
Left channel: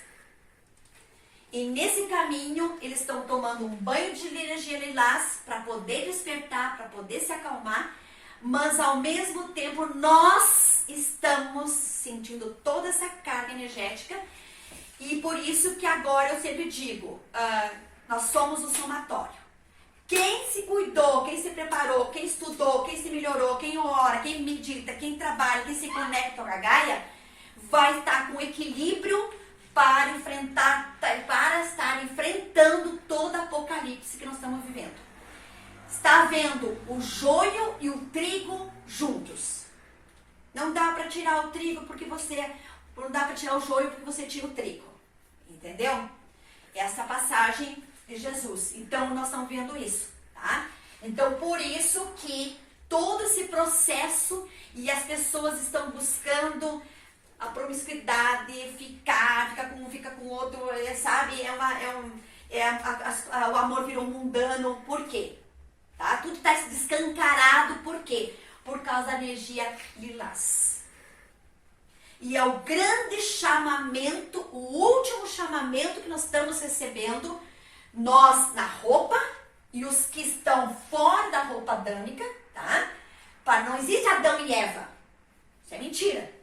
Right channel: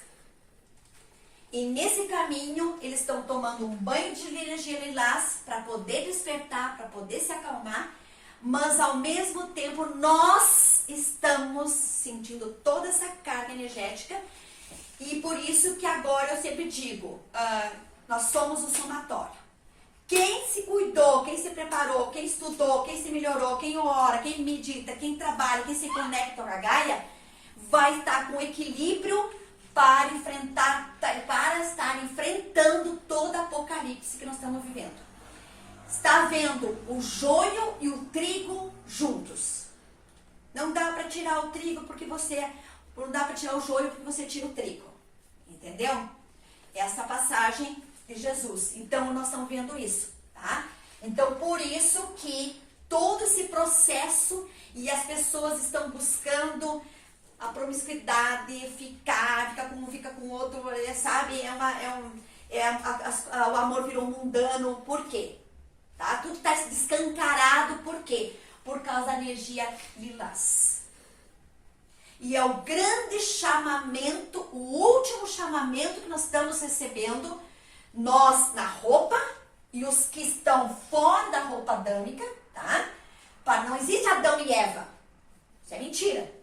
E nesse caminho, eles estão tomando um banho de energia lilás para poder despertar, para poder se acalmar, mas ao mesmo tempo nós estamos sentindo toda essa carga energética e por isso que agora eu sempre digo, nós somos o somatório. Quem se cuidou, quem se preparou, quem estudou, quem se melhorou, quem ora, quem medita, quem trabalha, quem se conecta com a Gaia, vai estar com equilíbrio para estar enfrentando todo o apocalipse que nós estamos vivendo. Está vendo o joio e o trigo juntos. Não dá para tirar o trigo porque não dá para tirar o joio porque você tira o trigo. Entendeu? Essa passagem de Jesus. Então, nós estamos vendo isso, tá? Então, por isso que todo esse processo e as pessoas estão buscando a promiscuidade, fica com outro, sabe? O amor virou mundano. Por quê? Tá? Tudo está descancarado. Por quê? Por causa da energia lilás. E é o grande chamamento, o último chamamento que nós estamos recebendo, nós na roupa e os que estão fora da roupa adâmica, tá? Não existe Adão e Eva. Isso é mentira.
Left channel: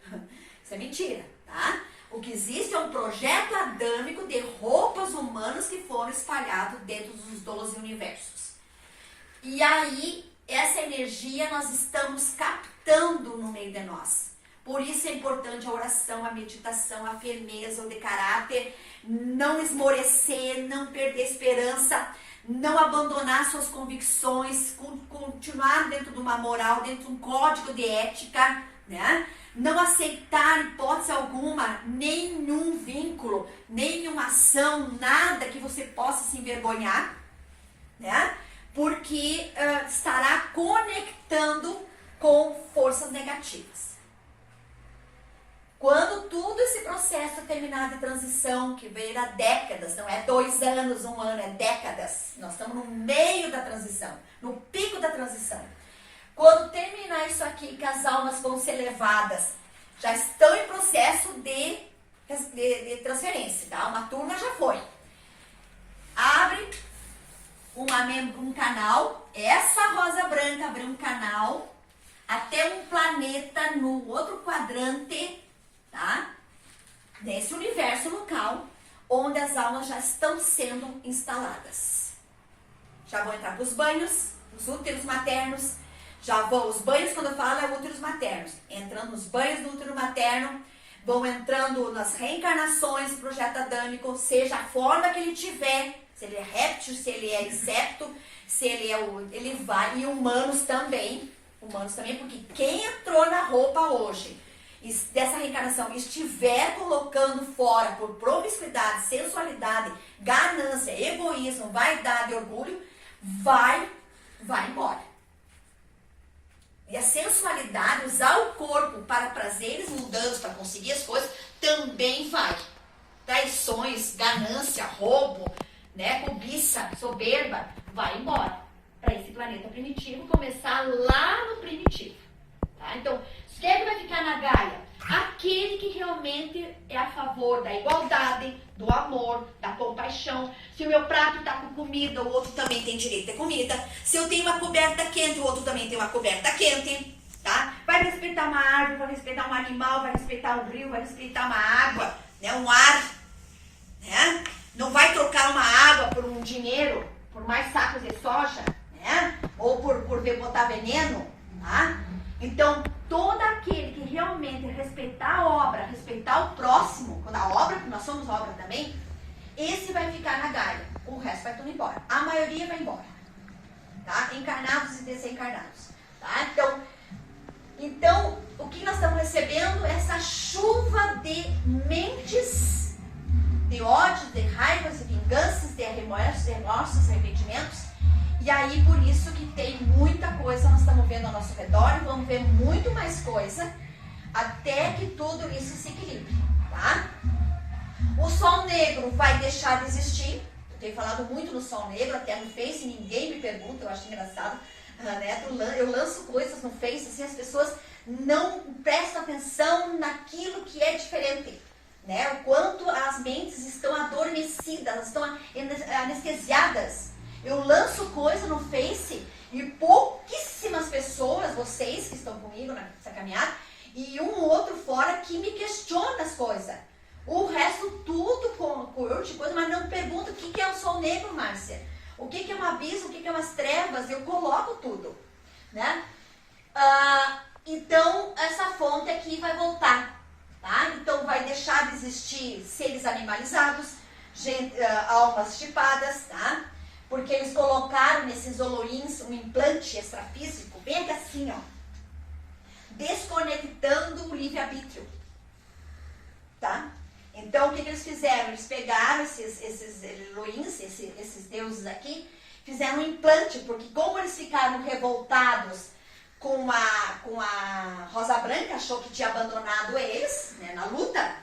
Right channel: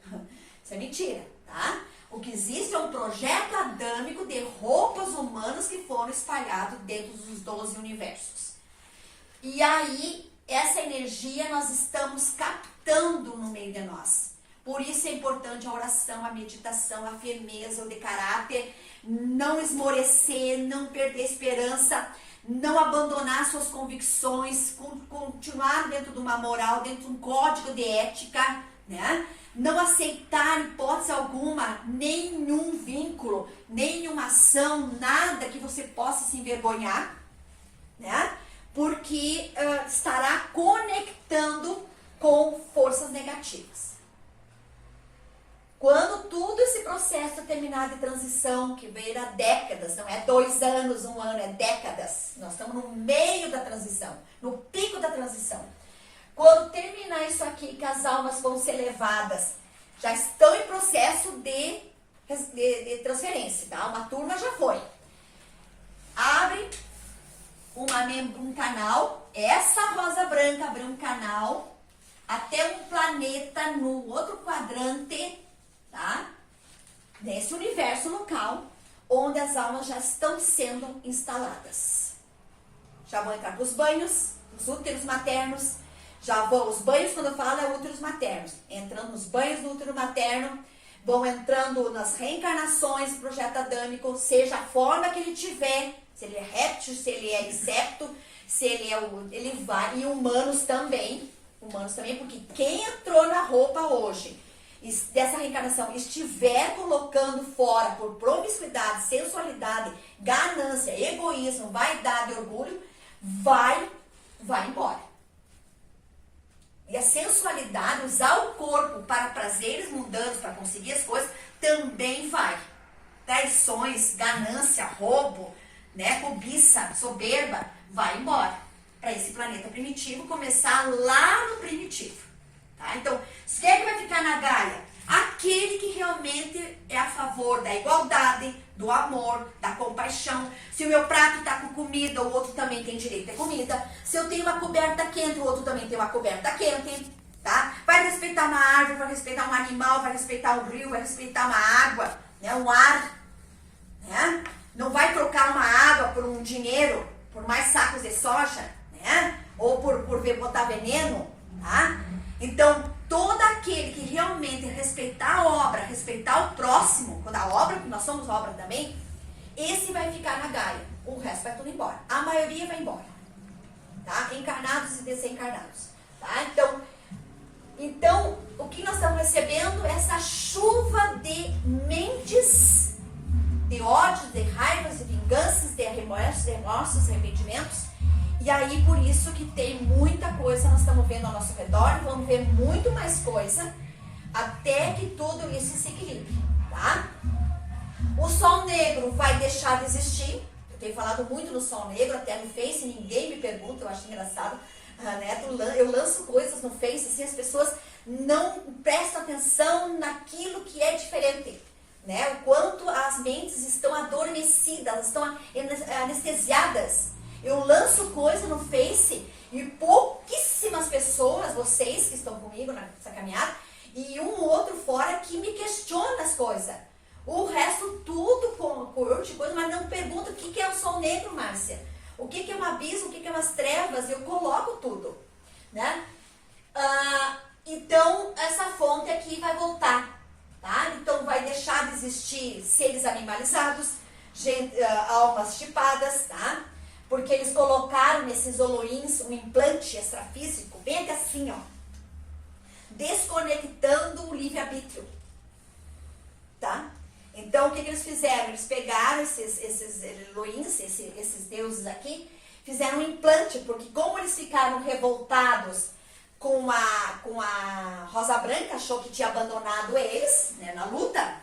Isso é mentira, tá? O que existe é um projeto adâmico de roupas humanas que foram espalhados dentro dos 12 universos. E aí, essa energia nós estamos captando no meio de nós. Por isso é importante a oração, a meditação, a firmeza, o de caráter, não esmorecer, não perder a esperança, não abandonar suas convicções, continuar dentro de uma moral, dentro de um código de ética, né? Não aceitar, em hipótese alguma, nenhum vínculo, nenhuma ação, nada que você possa se envergonhar, né? Porque estará conectando com forças negativas. Quando tudo esse processo terminar de transição, que veio há décadas, não é 2 anos, 1 ano, é décadas. Nós estamos no meio da transição, no pico da transição. Quando terminar isso aqui, que as almas vão ser levadas, já estão em processo de transferência, tá? Uma turma já foi. Abre um canal, essa rosa branca abriu um canal até um planeta no outro quadrante, tá? nesse universo local onde as almas já estão sendo instaladas. Já vão entrar para os banhos, os úteros maternos, já vão, os banhos quando eu falo é úteros maternos, entrando nos banhos do útero materno, vão entrando nas reencarnações do projeto adâmico, seja a forma que ele tiver, se ele é réptil, se ele é inseto, se ele é ele vai, e humanos também, porque quem entrou na roupa hoje, dessa reencarnação, estiver colocando fora por promiscuidade, sensualidade, ganância, egoísmo, vaidade e orgulho, vai embora. E a sensualidade, usar o corpo para prazeres mundanos, para conseguir as coisas, também vai. Traições, ganância, roubo, né, cobiça, soberba, vai embora. Para esse planeta primitivo começar lá no primitivo. Tá? Então, quem é que vai ficar na Gaia? Aquele que realmente é a favor da igualdade, do amor, da compaixão. Se o meu prato está com comida, o outro também tem direito a ter comida. Se eu tenho uma coberta quente, o outro também tem uma coberta quente. Tá? Vai respeitar uma árvore, vai respeitar um animal, vai respeitar um rio, vai respeitar uma água, né? Um ar. Né? Não vai trocar uma água por um dinheiro, por mais sacos de soja, né? Ou por botar veneno. Tá? Então, todo aquele que realmente respeitar a obra, respeitar o próximo, quando a obra, porque nós somos obra também, esse vai ficar na Gaia. O resto vai tudo embora. A maioria vai embora. Tá? Encarnados e desencarnados. Tá? Então, o que nós estamos recebendo? Essa chuva de mentes, de ódio, de raivas, de vinganças, de remorsos, arrependimentos. E aí, por isso que tem muita coisa, nós estamos vendo ao nosso redor, e vamos ver muito mais coisa, até que tudo isso se equilibre, tá? O Sol Negro vai deixar de existir, eu tenho falado muito no Sol Negro, até no Face, ninguém me pergunta, eu acho engraçado, né? Eu lanço coisas no Face, assim, as pessoas não prestam atenção naquilo que é diferente, né? O quanto as mentes estão adormecidas, estão anestesiadas. Eu lanço coisa no Face e pouquíssimas pessoas, vocês que estão comigo nessa caminhada, e um outro fora que me questiona as coisas. O resto tudo curte coisa, mas não pergunta o que é o Sol Negro, Márcia. O que é um abismo, o que é umas trevas, eu coloco tudo. Né? Então, essa fonte aqui vai voltar. Tá? Então, vai deixar de existir seres animalizados, almas chipadas, tá? Porque eles colocaram nesses holoins um implante extrafísico, bem assim, ó, desconectando o livre-arbítrio, tá? Então, o que eles fizeram? Eles pegaram esses holoins, esses deuses aqui, fizeram um implante, porque como eles ficaram revoltados com a Rosa Branca, achou que tinha abandonado eles, né, na luta,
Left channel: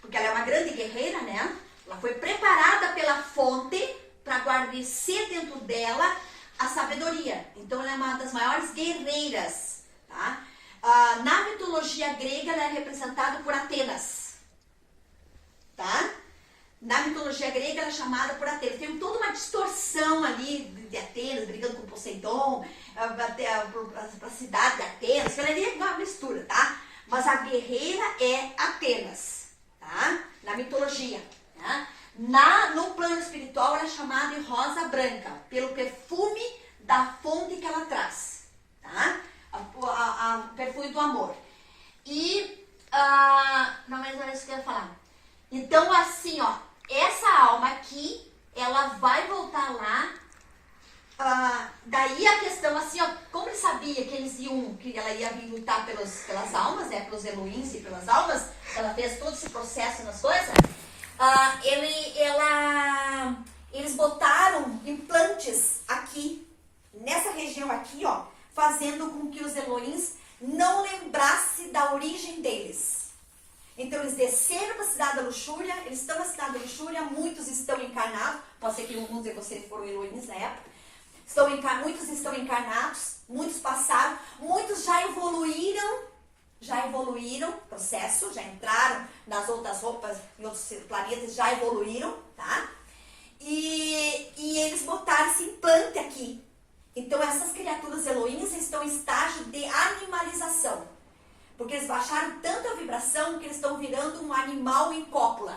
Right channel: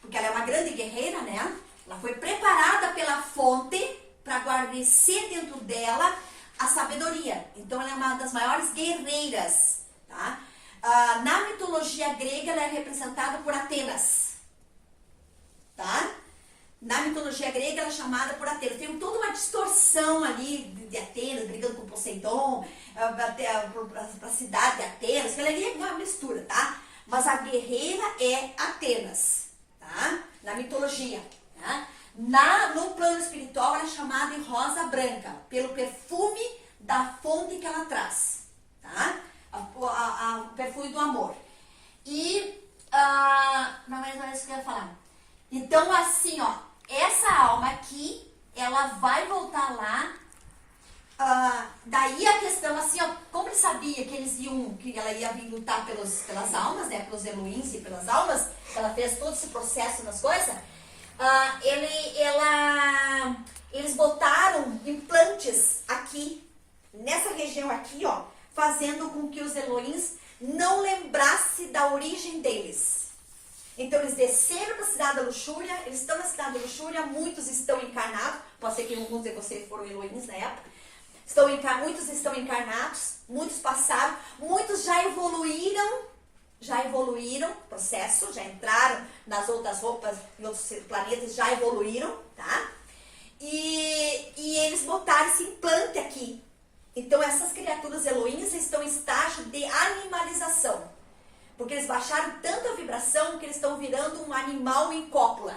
porque ela é uma grande guerreira, né? Ela foi preparada pela fonte para guarnecer dentro dela a sabedoria. Então, ela é uma das maiores guerreiras. Tá? Na mitologia grega, ela é representada por Atenas. Tá? Na mitologia grega, ela é chamada por Atenas. Tem toda uma distorção ali de Atenas, brigando com Poseidon, para a cidade de Atenas, que ela é uma mistura, tá? Mas a guerreira é Atenas, tá? Na mitologia, tá? No plano espiritual, ela é chamada de Rosa Branca, pelo perfume da fonte que ela traz, tá? O perfume do amor. E, não é isso que eu ia falar. Então, assim, ó, essa alma aqui, ela vai voltar lá. Daí a questão, assim, ó, como ele sabia que ela ia vir lutar pelas almas, né, pelos Elohims e pelas almas, ela fez todo esse processo nas coisas. Eles botaram implantes aqui, nessa região aqui, ó, fazendo com que os Elohims não lembrassem da origem deles. Então eles desceram para a cidade da luxúria, eles estão na cidade da luxúria, muitos estão encarnados, pode ser que alguns de vocês foram Elohims na época, muitos estão encarnados, muitos passaram, muitos já evoluíram, processo, já entraram nas outras roupas, em outros planetas, já evoluíram, tá? E eles botaram esse implante aqui. Então, essas criaturas Elohims estão em estágio de animalização. Porque eles baixaram tanta vibração que eles estão virando um animal em cópula.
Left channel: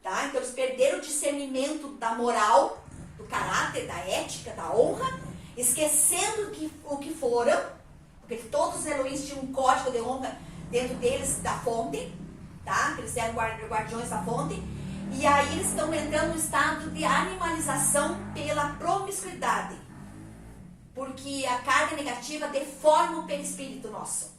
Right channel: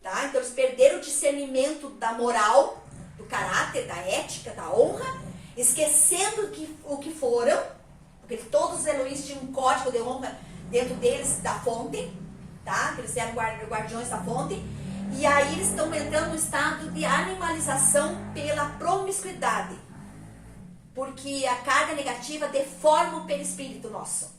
Tá? Então eles perderam o discernimento da moral, do caráter, da ética, da honra, esquecendo o que foram, porque todos os Elohims tinham um código de honra dentro deles da fonte, tá? Que eles eram guardiões da fonte, e aí eles estão entrando num estado de animalização pela promiscuidade, porque a carga negativa deforma o perispírito nosso.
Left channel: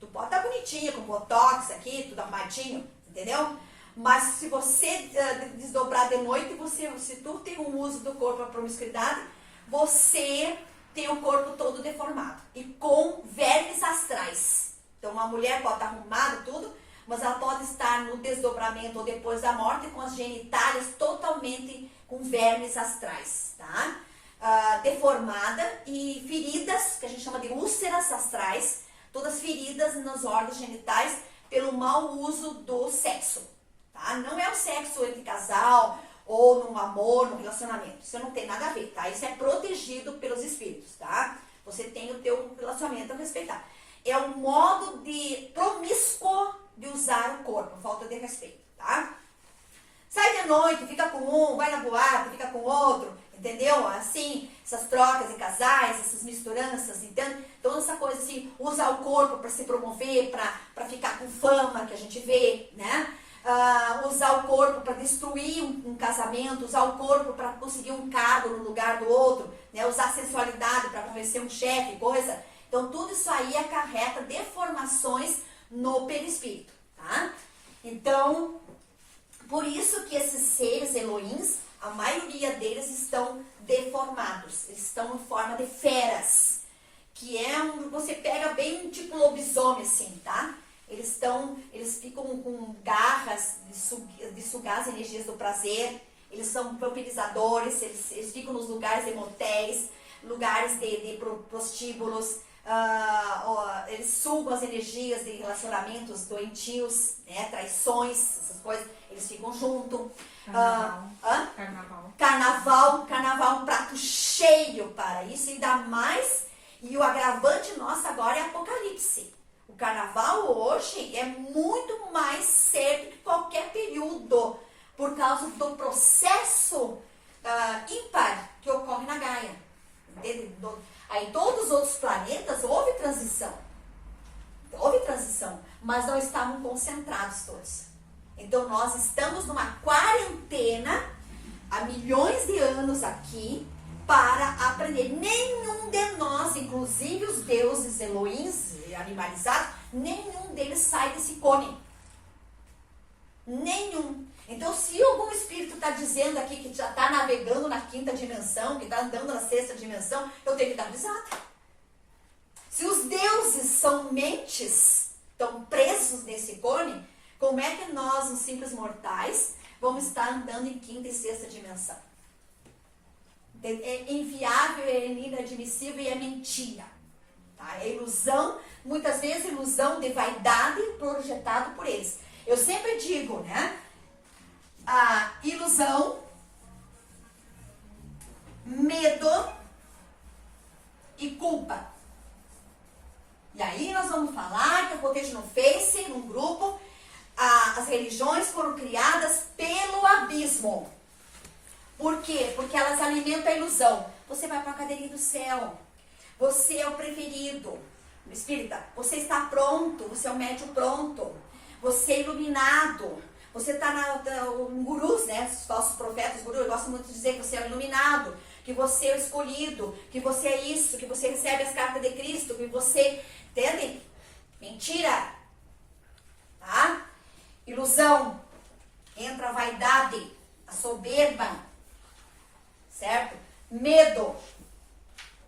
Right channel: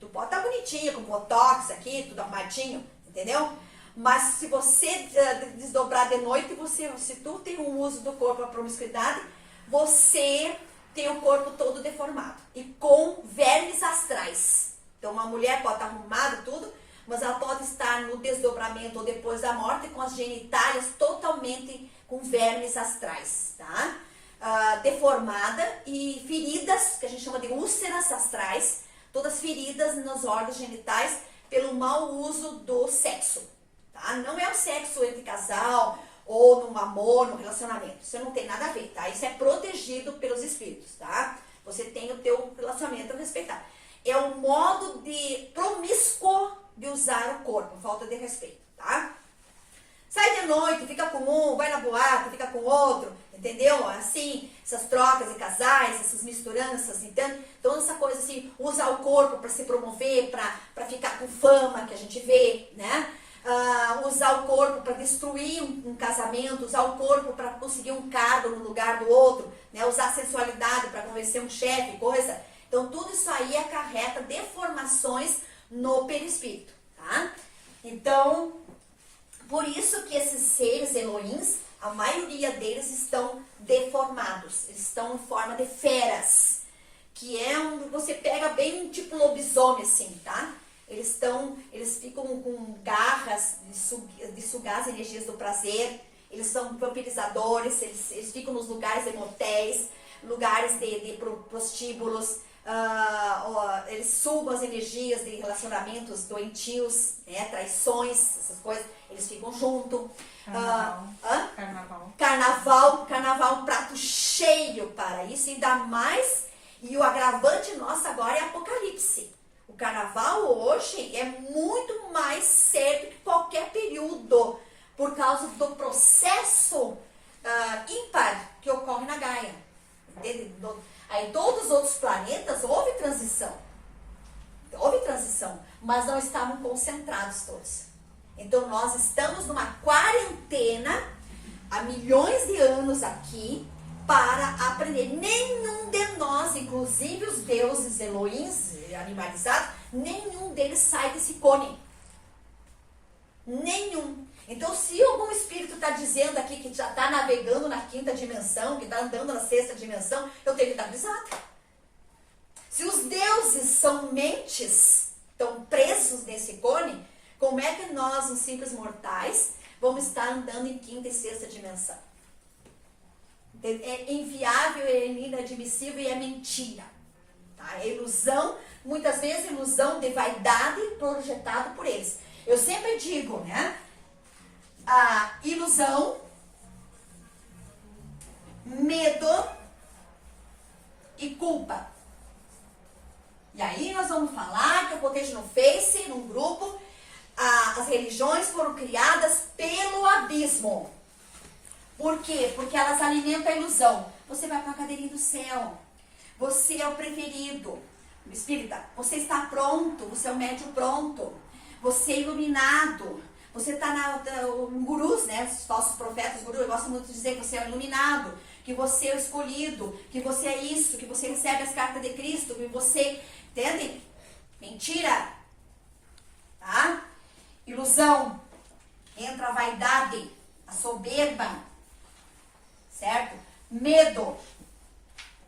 Tu pode estar bonitinho, com botox aqui, tudo arrumadinho, entendeu? Mas se você desdobrar de noite, se tu tem um uso do corpo para promiscuidade, você tem o corpo todo deformado e com vermes astrais. Então uma mulher pode estar arrumada tudo, mas ela pode estar no desdobramento ou depois da morte com as genitálias totalmente com vermes astrais, tá? Deformada e feridas, que a gente chama de úlceras astrais, todas feridas nos órgãos genitais pelo mau uso do sexo, tá? Não é o sexo entre casal ou num amor, num relacionamento, isso não tem nada a ver, tá? Isso é protegido pelos espíritos, tá? Você tem o teu relacionamento a respeitar. É um modo de promíscuo de usar o corpo, falta de respeito, tá? Sai de noite, fica com um, vai na boate, fica com outro, entendeu? Assim, essas trocas de casais, essas misturanças, então essa coisa assim, usar o corpo para se promover, para ficar com fama, que a gente vê, né? Usar o corpo para destruir um casamento, usar o corpo para conseguir um cargo no lugar do outro, né? Usar a sensualidade para convencer um chefe, coisa. Então, tudo isso aí acarreta deformações no perispírito, tá? Então, por isso que esses seres Elohims, a maioria deles estão deformados, eles estão em forma de feras, que é você pega bem tipo lobisomem assim, tá? Eles ficam com garras de sugar as energias do prazer, eles são propilizadores, eles ficam nos lugares de motéis, lugares de prostíbulos, eles sugam as energias de relacionamentos doentios, né, traições, essas coisas, eles ficam junto. Carnaval, um prato cheio para isso, ainda mais, e o agravante nosso agora é Apocalipse. O carnaval hoje é muito mais sério que qualquer período, por causa do processo ímpar que ocorre na Gaia. Aí em todos os outros planetas houve transição, mas não estavam concentrados todos. Então nós estamos numa quarentena há milhões de anos aqui para aprender. Nenhum de nós, inclusive os deuses Elohims animalizados, nenhum deles sai desse cone. Nenhum. Então, se algum espírito está dizendo aqui que já está navegando na quinta dimensão, que está andando na sexta dimensão, eu tenho que dar risada. Se os deuses são mentes, estão presos nesse cone, como é que nós, os simples mortais, vamos estar andando em quinta e sexta dimensão? É inviável, é inadmissível e é mentira. Tá? É ilusão, muitas vezes ilusão de vaidade projetado por eles. Eu sempre digo, né? A ilusão, medo e culpa. E aí nós vamos falar que eu botei no Face, num grupo, as religiões foram criadas pelo abismo. Por quê? Porque elas alimentam a ilusão. Você vai para a cadeirinha do céu. Você é o preferido. Espírita, você está pronto. Você é o médium pronto. Você é iluminado. Você está um gurus, né? Os falsos profetas, gurus, gostam muito de dizer que você é iluminado, que você é o escolhido, que você é isso, que você recebe as cartas de Cristo, que você... Entende? Mentira. Tá? Ilusão. Entra a vaidade, a soberba. Certo? Medo.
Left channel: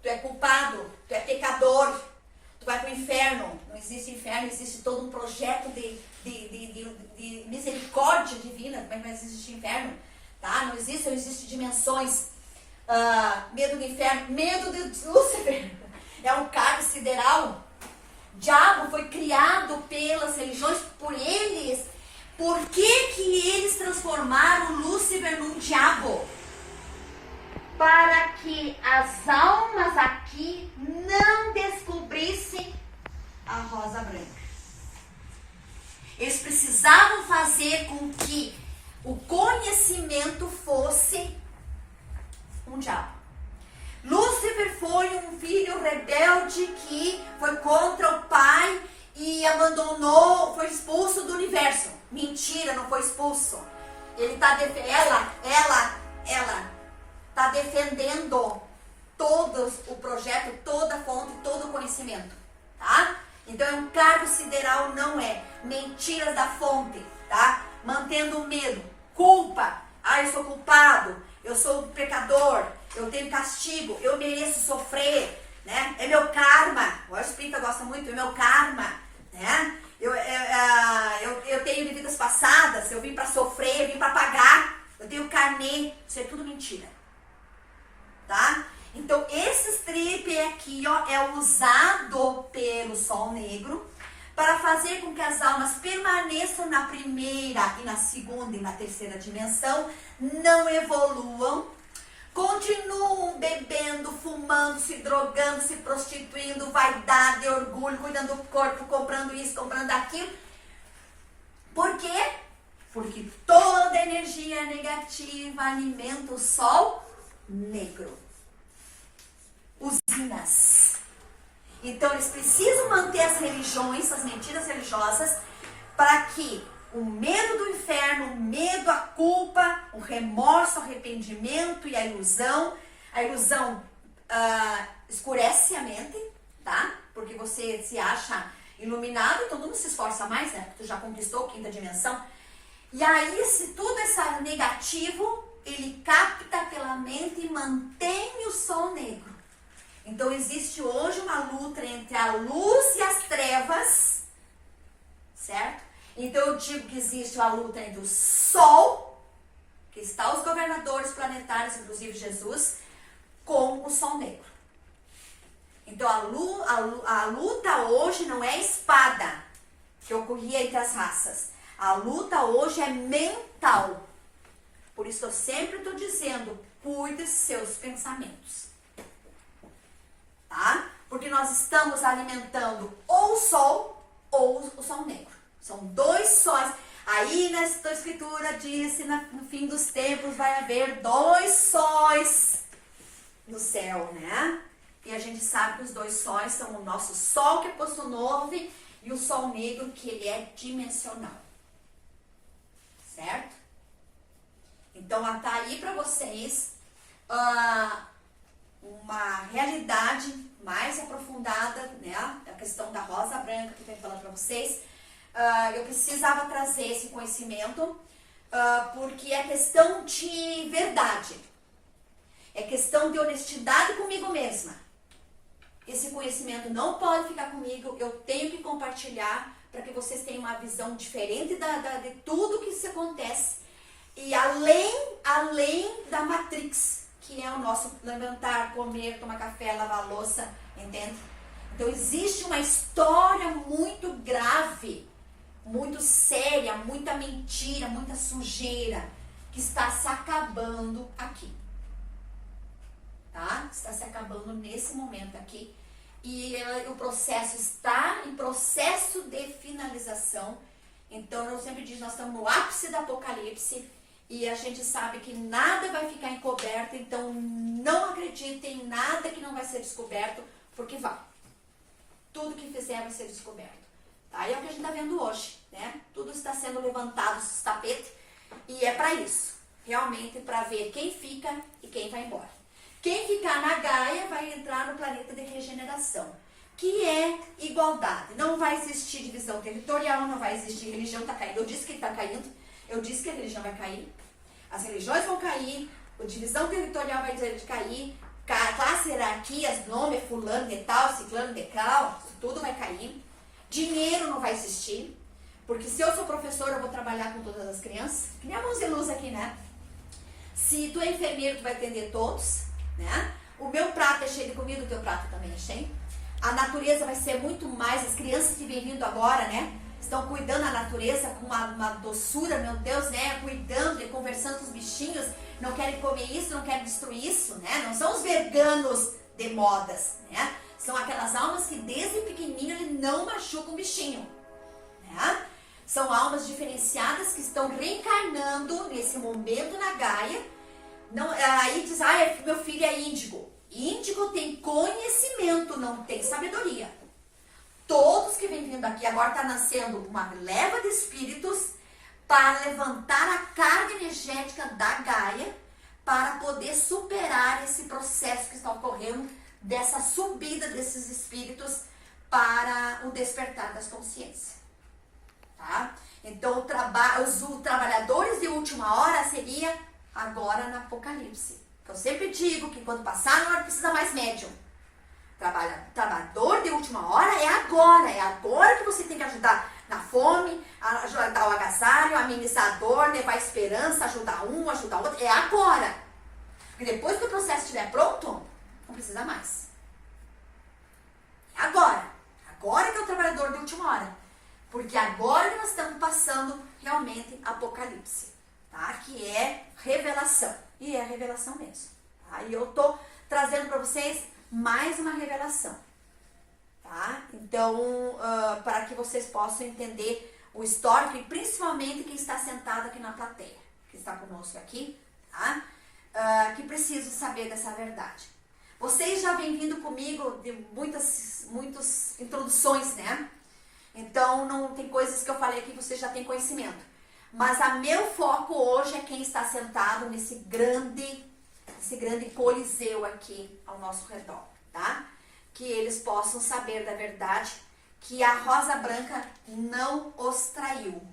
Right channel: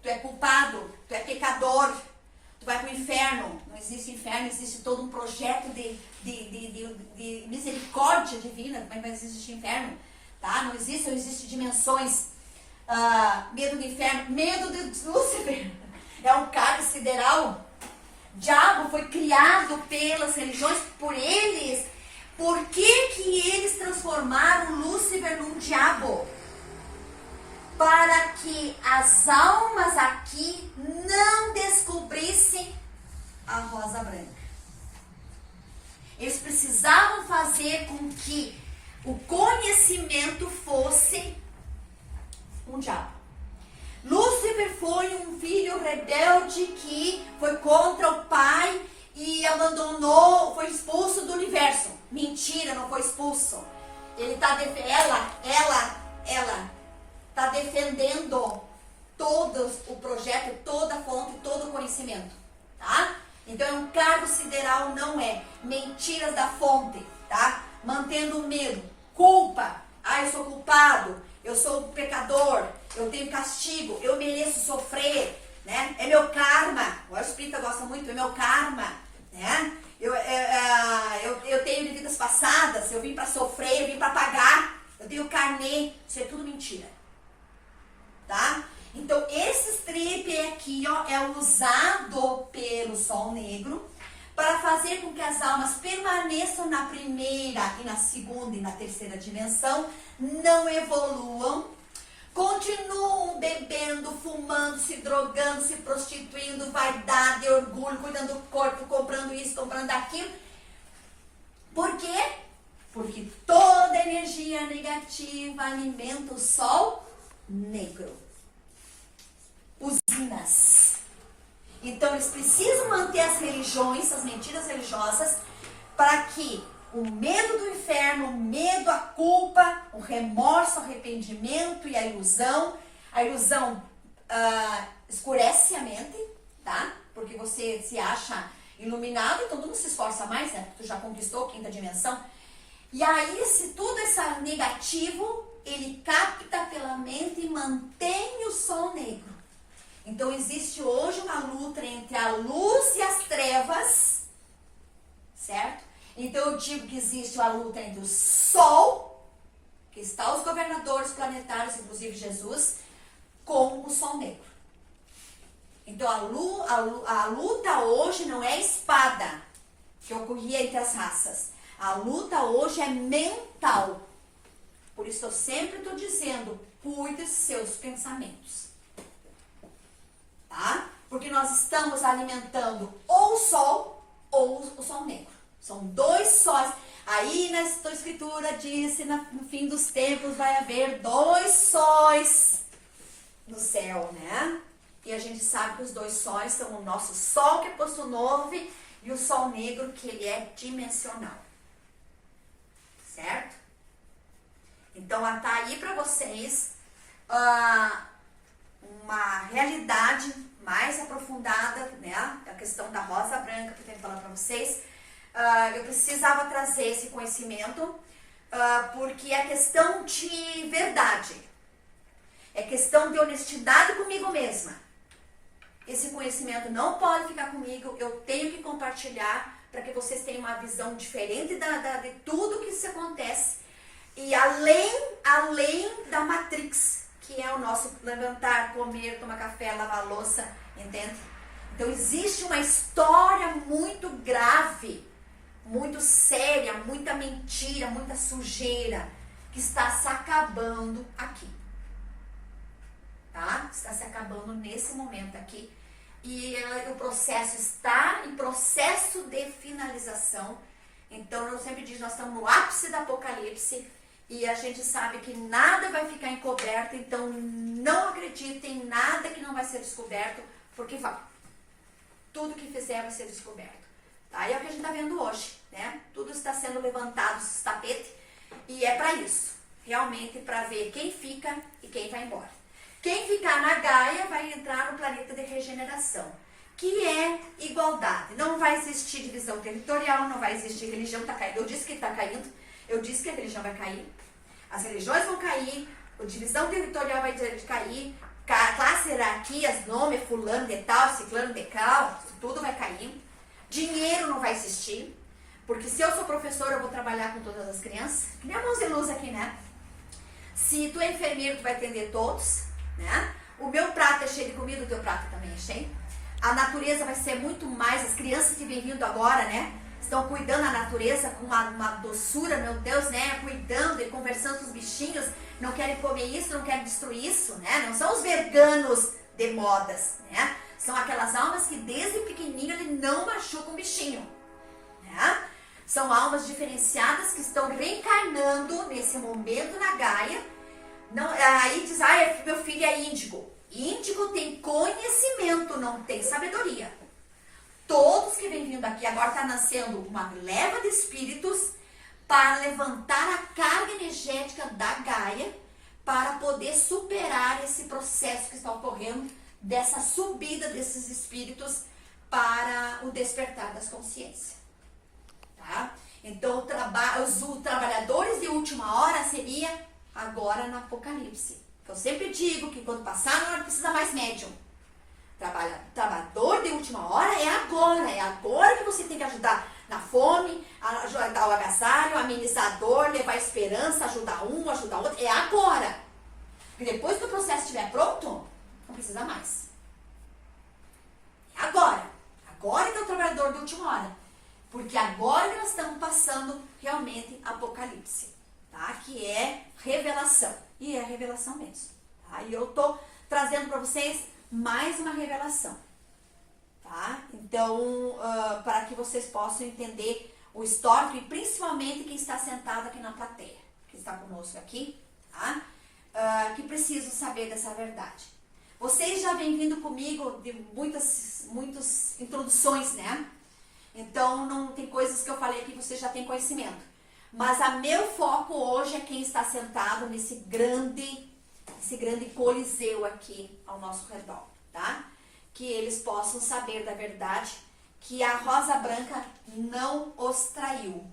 Tu é culpado, tu é pecador, tu vai para o inferno. Não existe inferno, existe todo um projeto de misericórdia divina, mas não existe inferno, tá? Não existe dimensões. Medo do inferno, medo de Lúcifer, é um cálice sideral. Diabo foi criado pelas religiões, por eles. Por que eles transformaram Lúcifer num diabo? Para que as almas aqui não descobrissem a rosa branca. Eles precisavam fazer com que o conhecimento fosse um diabo. Lúcifer foi um filho rebelde que foi contra o pai e abandonou, foi expulso do universo. Mentira, não foi expulso. Ele tá ela tá defendendo todo o projeto, toda a fonte, todo o conhecimento, tá? Então é um cargo sideral, não é. Mentiras da fonte, tá? Mantendo o medo, culpa. Ah, eu sou culpado, eu sou pecador, eu tenho castigo, eu mereço sofrer, né? É meu karma. O espírita gosta muito, é meu karma, né? Eu tenho de vidas passadas, eu vim para sofrer, eu vim para pagar, eu tenho carnê. Isso é tudo mentira, tá? Então, esse trip aqui, ó, é usado pelo Sol Negro para fazer com que as almas permaneçam na primeira e na segunda e na terceira dimensão, não evoluam, continuam bebendo, fumando, se drogando, se prostituindo, vaidade, orgulho, cuidando do corpo, comprando isso, comprando aquilo. Por quê? Porque toda energia negativa alimenta o Sol Negro. Usinas. Então eles precisam manter as religiões, as mentiras religiosas, para que o medo do inferno, o medo, a culpa, o remorso, o arrependimento e a ilusão escurece a mente, tá? Porque você se acha iluminado, então tu não se esforça mais, né? Porque tu já conquistou a quinta dimensão. E aí, se tudo esse negativo, ele capta pela mente e mantém o Sol Negro. Então, existe hoje uma luta entre a luz e as trevas, certo? Então, eu digo que existe uma luta entre o Sol, que está os governadores planetários, inclusive Jesus, com o Sol Negro. Então, a luta hoje não é espada, que ocorria entre as raças. A luta hoje é mental. Por isso, eu sempre estou dizendo, cuide dos seus pensamentos. Tá? Porque nós estamos alimentando ou o Sol ou o Sol Negro. São dois sóis. Aí nessa escritura disse, no fim dos tempos vai haver dois sóis no céu, né? E a gente sabe que os dois sóis são o nosso Sol, que é posto novo, e o Sol Negro, que ele é dimensional. Certo? Então, tá aí para vocês uma realidade mais aprofundada, né? A questão da rosa branca que eu tenho que falar para vocês. Eu precisava trazer esse conhecimento porque é questão de verdade. É questão de honestidade comigo mesma. Esse conhecimento não pode ficar comigo, eu tenho que compartilhar para que vocês tenham uma visão diferente de tudo que se acontece. E além da Matrix, que é o nosso levantar, comer, tomar café, lavar louça, entende? Então existe uma história muito grave, muito séria, muita mentira, muita sujeira, que está se acabando aqui. Tá? Está se acabando nesse momento aqui. E o processo está em processo de finalização. Então eu sempre digo, nós estamos no ápice do apocalipse. E a gente sabe que nada vai ficar encoberto, então não acreditem em nada que não vai ser descoberto, porque vai. Tudo que fizer vai ser descoberto. Tá? E é o que a gente está vendo hoje, né? Tudo está sendo levantado dos tapetes e é para isso. Realmente para ver quem fica e quem vai embora. Quem ficar na Gaia vai entrar no planeta de regeneração, que é igualdade. Não vai existir divisão territorial, não vai existir religião, está caindo. Eu disse que está caindo. Eu disse que a religião vai cair, as religiões vão cair, a divisão territorial vai cair, classe, hierarquias, nome, fulano de tal, ciclano de tal, tudo vai cair. Dinheiro não vai existir, porque se eu sou professora, eu vou trabalhar com todas as crianças, que nem a mãos de luz aqui, né? Se tu é enfermeiro, tu vai atender todos, né? O meu prato é cheio de comida, o teu prato também é cheio. A natureza vai ser muito mais, as crianças que vêm vindo agora, né? Estão cuidando da natureza com uma doçura, meu Deus, né? Cuidando e conversando com os bichinhos. Não querem comer isso, não querem destruir isso, né? Não são os veganos de modas, né? São aquelas almas que desde pequenininho ele não machuca um bichinho, né? São almas diferenciadas que estão reencarnando nesse momento na Gaia. Não, aí diz, meu filho é índigo. Índigo tem conhecimento, não tem sabedoria. Todos que vêm vindo aqui, agora está nascendo uma leva de espíritos para levantar a carga energética da Gaia, para poder superar esse processo que está ocorrendo, dessa subida desses espíritos para o despertar das consciências. Tá? Então, os trabalhadores de última hora seria agora no Apocalipse. Eu sempre digo que quando passar na hora precisa mais médium. Trabalhador de última hora é agora que você tem que ajudar na fome, ajudar o agasalho, amenizar a dor, levar esperança, ajudar um, ajudar outro, é agora. Porque depois que o processo estiver pronto, não precisa mais. Agora que é o trabalhador de última hora. Porque agora que nós estamos passando realmente Apocalipse, tá? Que é revelação. E é revelação mesmo. Tá? E eu tô trazendo para vocês mais uma revelação. Tá? Então, para que vocês possam entender o histórico e principalmente quem está sentado aqui na plateia, que está conosco aqui, tá? Que precisam saber dessa verdade. Vocês já vêm vindo comigo de muitas introduções, né? Então, não tem coisas que eu falei aqui que vocês já têm conhecimento. Mas meu foco hoje é quem está sentado nesse grande coliseu aqui ao nosso redor, tá? Que eles possam saber da verdade, que a Rosa Branca não os traiu,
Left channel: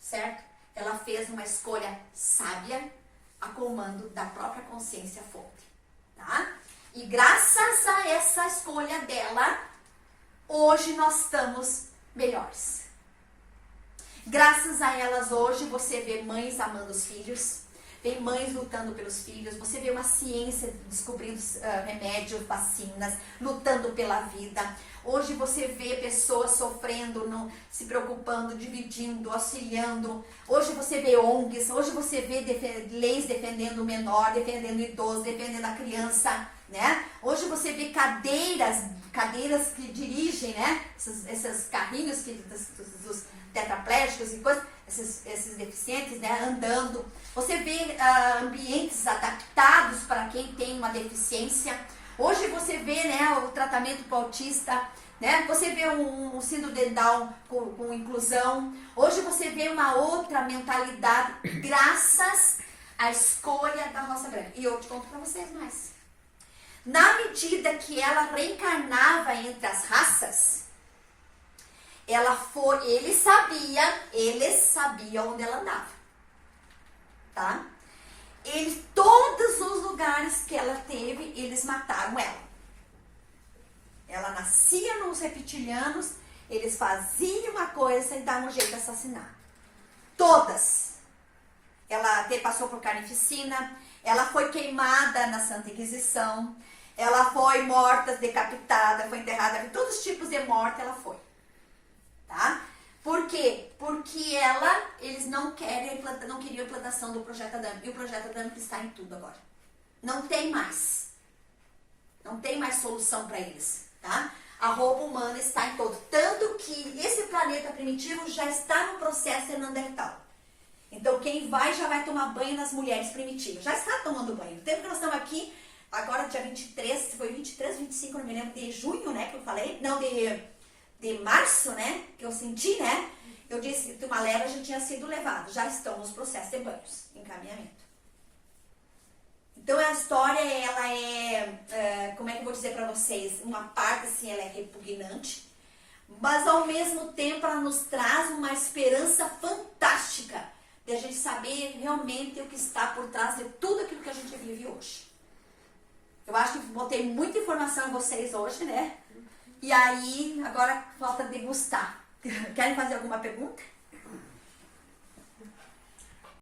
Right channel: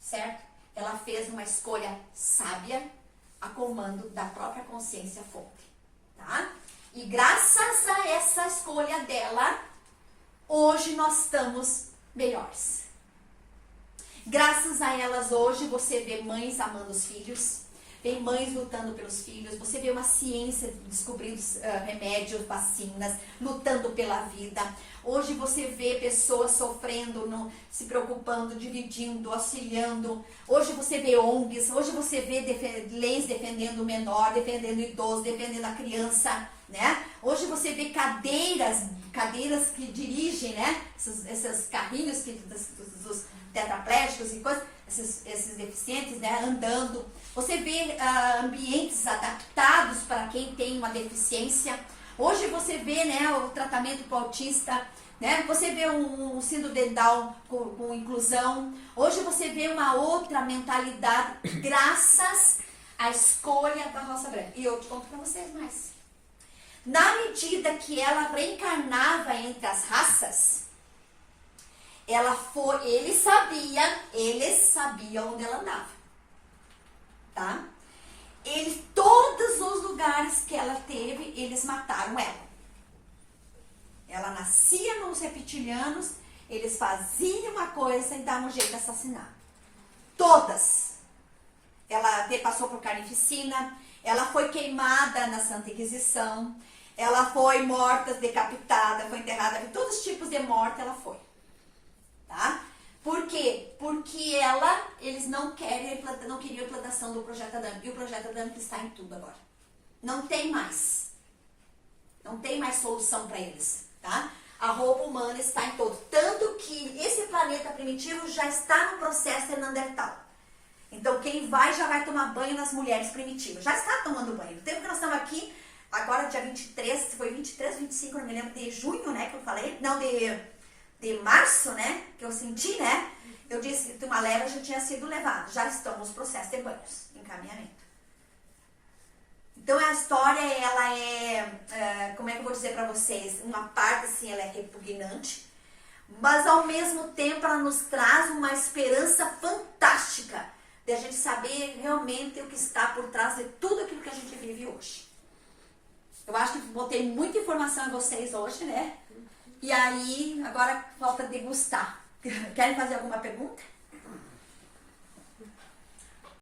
certo? Ela fez uma escolha sábia a comando da própria consciência fonte, tá? E graças a essa escolha dela, hoje nós estamos melhores. Graças a elas hoje você vê mães amando os filhos, vê mães lutando pelos filhos, você vê uma ciência descobrindo remédios, vacinas, lutando pela vida. Hoje você vê pessoas sofrendo, se preocupando, dividindo, auxiliando. Hoje você vê ONGs, hoje você vê leis defendendo o menor, defendendo o idoso, defendendo a criança, né? Hoje você vê cadeiras que dirigem, né? Esses carrinhos dos tetraplégicos e coisas, esses deficientes, né? Andando. Você vê ambientes adaptados para quem tem uma deficiência. Hoje você vê, né, o tratamento para o autista, né? Você vê um síndrome de Down com inclusão. Hoje você vê uma outra mentalidade graças à escolha da Rosa Branca. E eu te conto para vocês mais. Na medida que ela reencarnava entre as raças, eles sabiam onde ela andava, tá? Todos os lugares que ela teve, eles mataram ela. Ela nascia nos reptilianos, eles faziam uma coisa e davam um jeito de assassinar. Todas. Ela passou por carnificina, ela foi queimada na Santa Inquisição, ela foi morta, decapitada, foi enterrada, todos os tipos de morte ela foi. Tá? Por quê? Porque eles não queriam implantação do Projeto Adame. E o Projeto Adame está em tudo agora. Não tem mais. Não tem mais solução para eles. Tá? A roupa humana está em todo. Tanto que esse planeta primitivo já está no processo de Neandertal. Então quem já vai tomar banho nas mulheres primitivas. Já está tomando banho. No tempo que nós estamos aqui, agora dia 23, foi 23, 25, não me lembro, de junho, né, que eu falei. Não, de março, né, que eu senti, né, eu disse que uma leva já tinha sido levada, já estão nos processos de banhos, encaminhamento. Então a história, ela como é que eu vou dizer para vocês, uma parte assim, ela é repugnante, mas ao mesmo tempo ela nos traz uma esperança fantástica de a gente saber realmente o que está por trás de tudo aquilo que a gente vive hoje. Eu acho que botei muita informação em vocês hoje, né? E aí, agora falta degustar. Querem fazer alguma pergunta?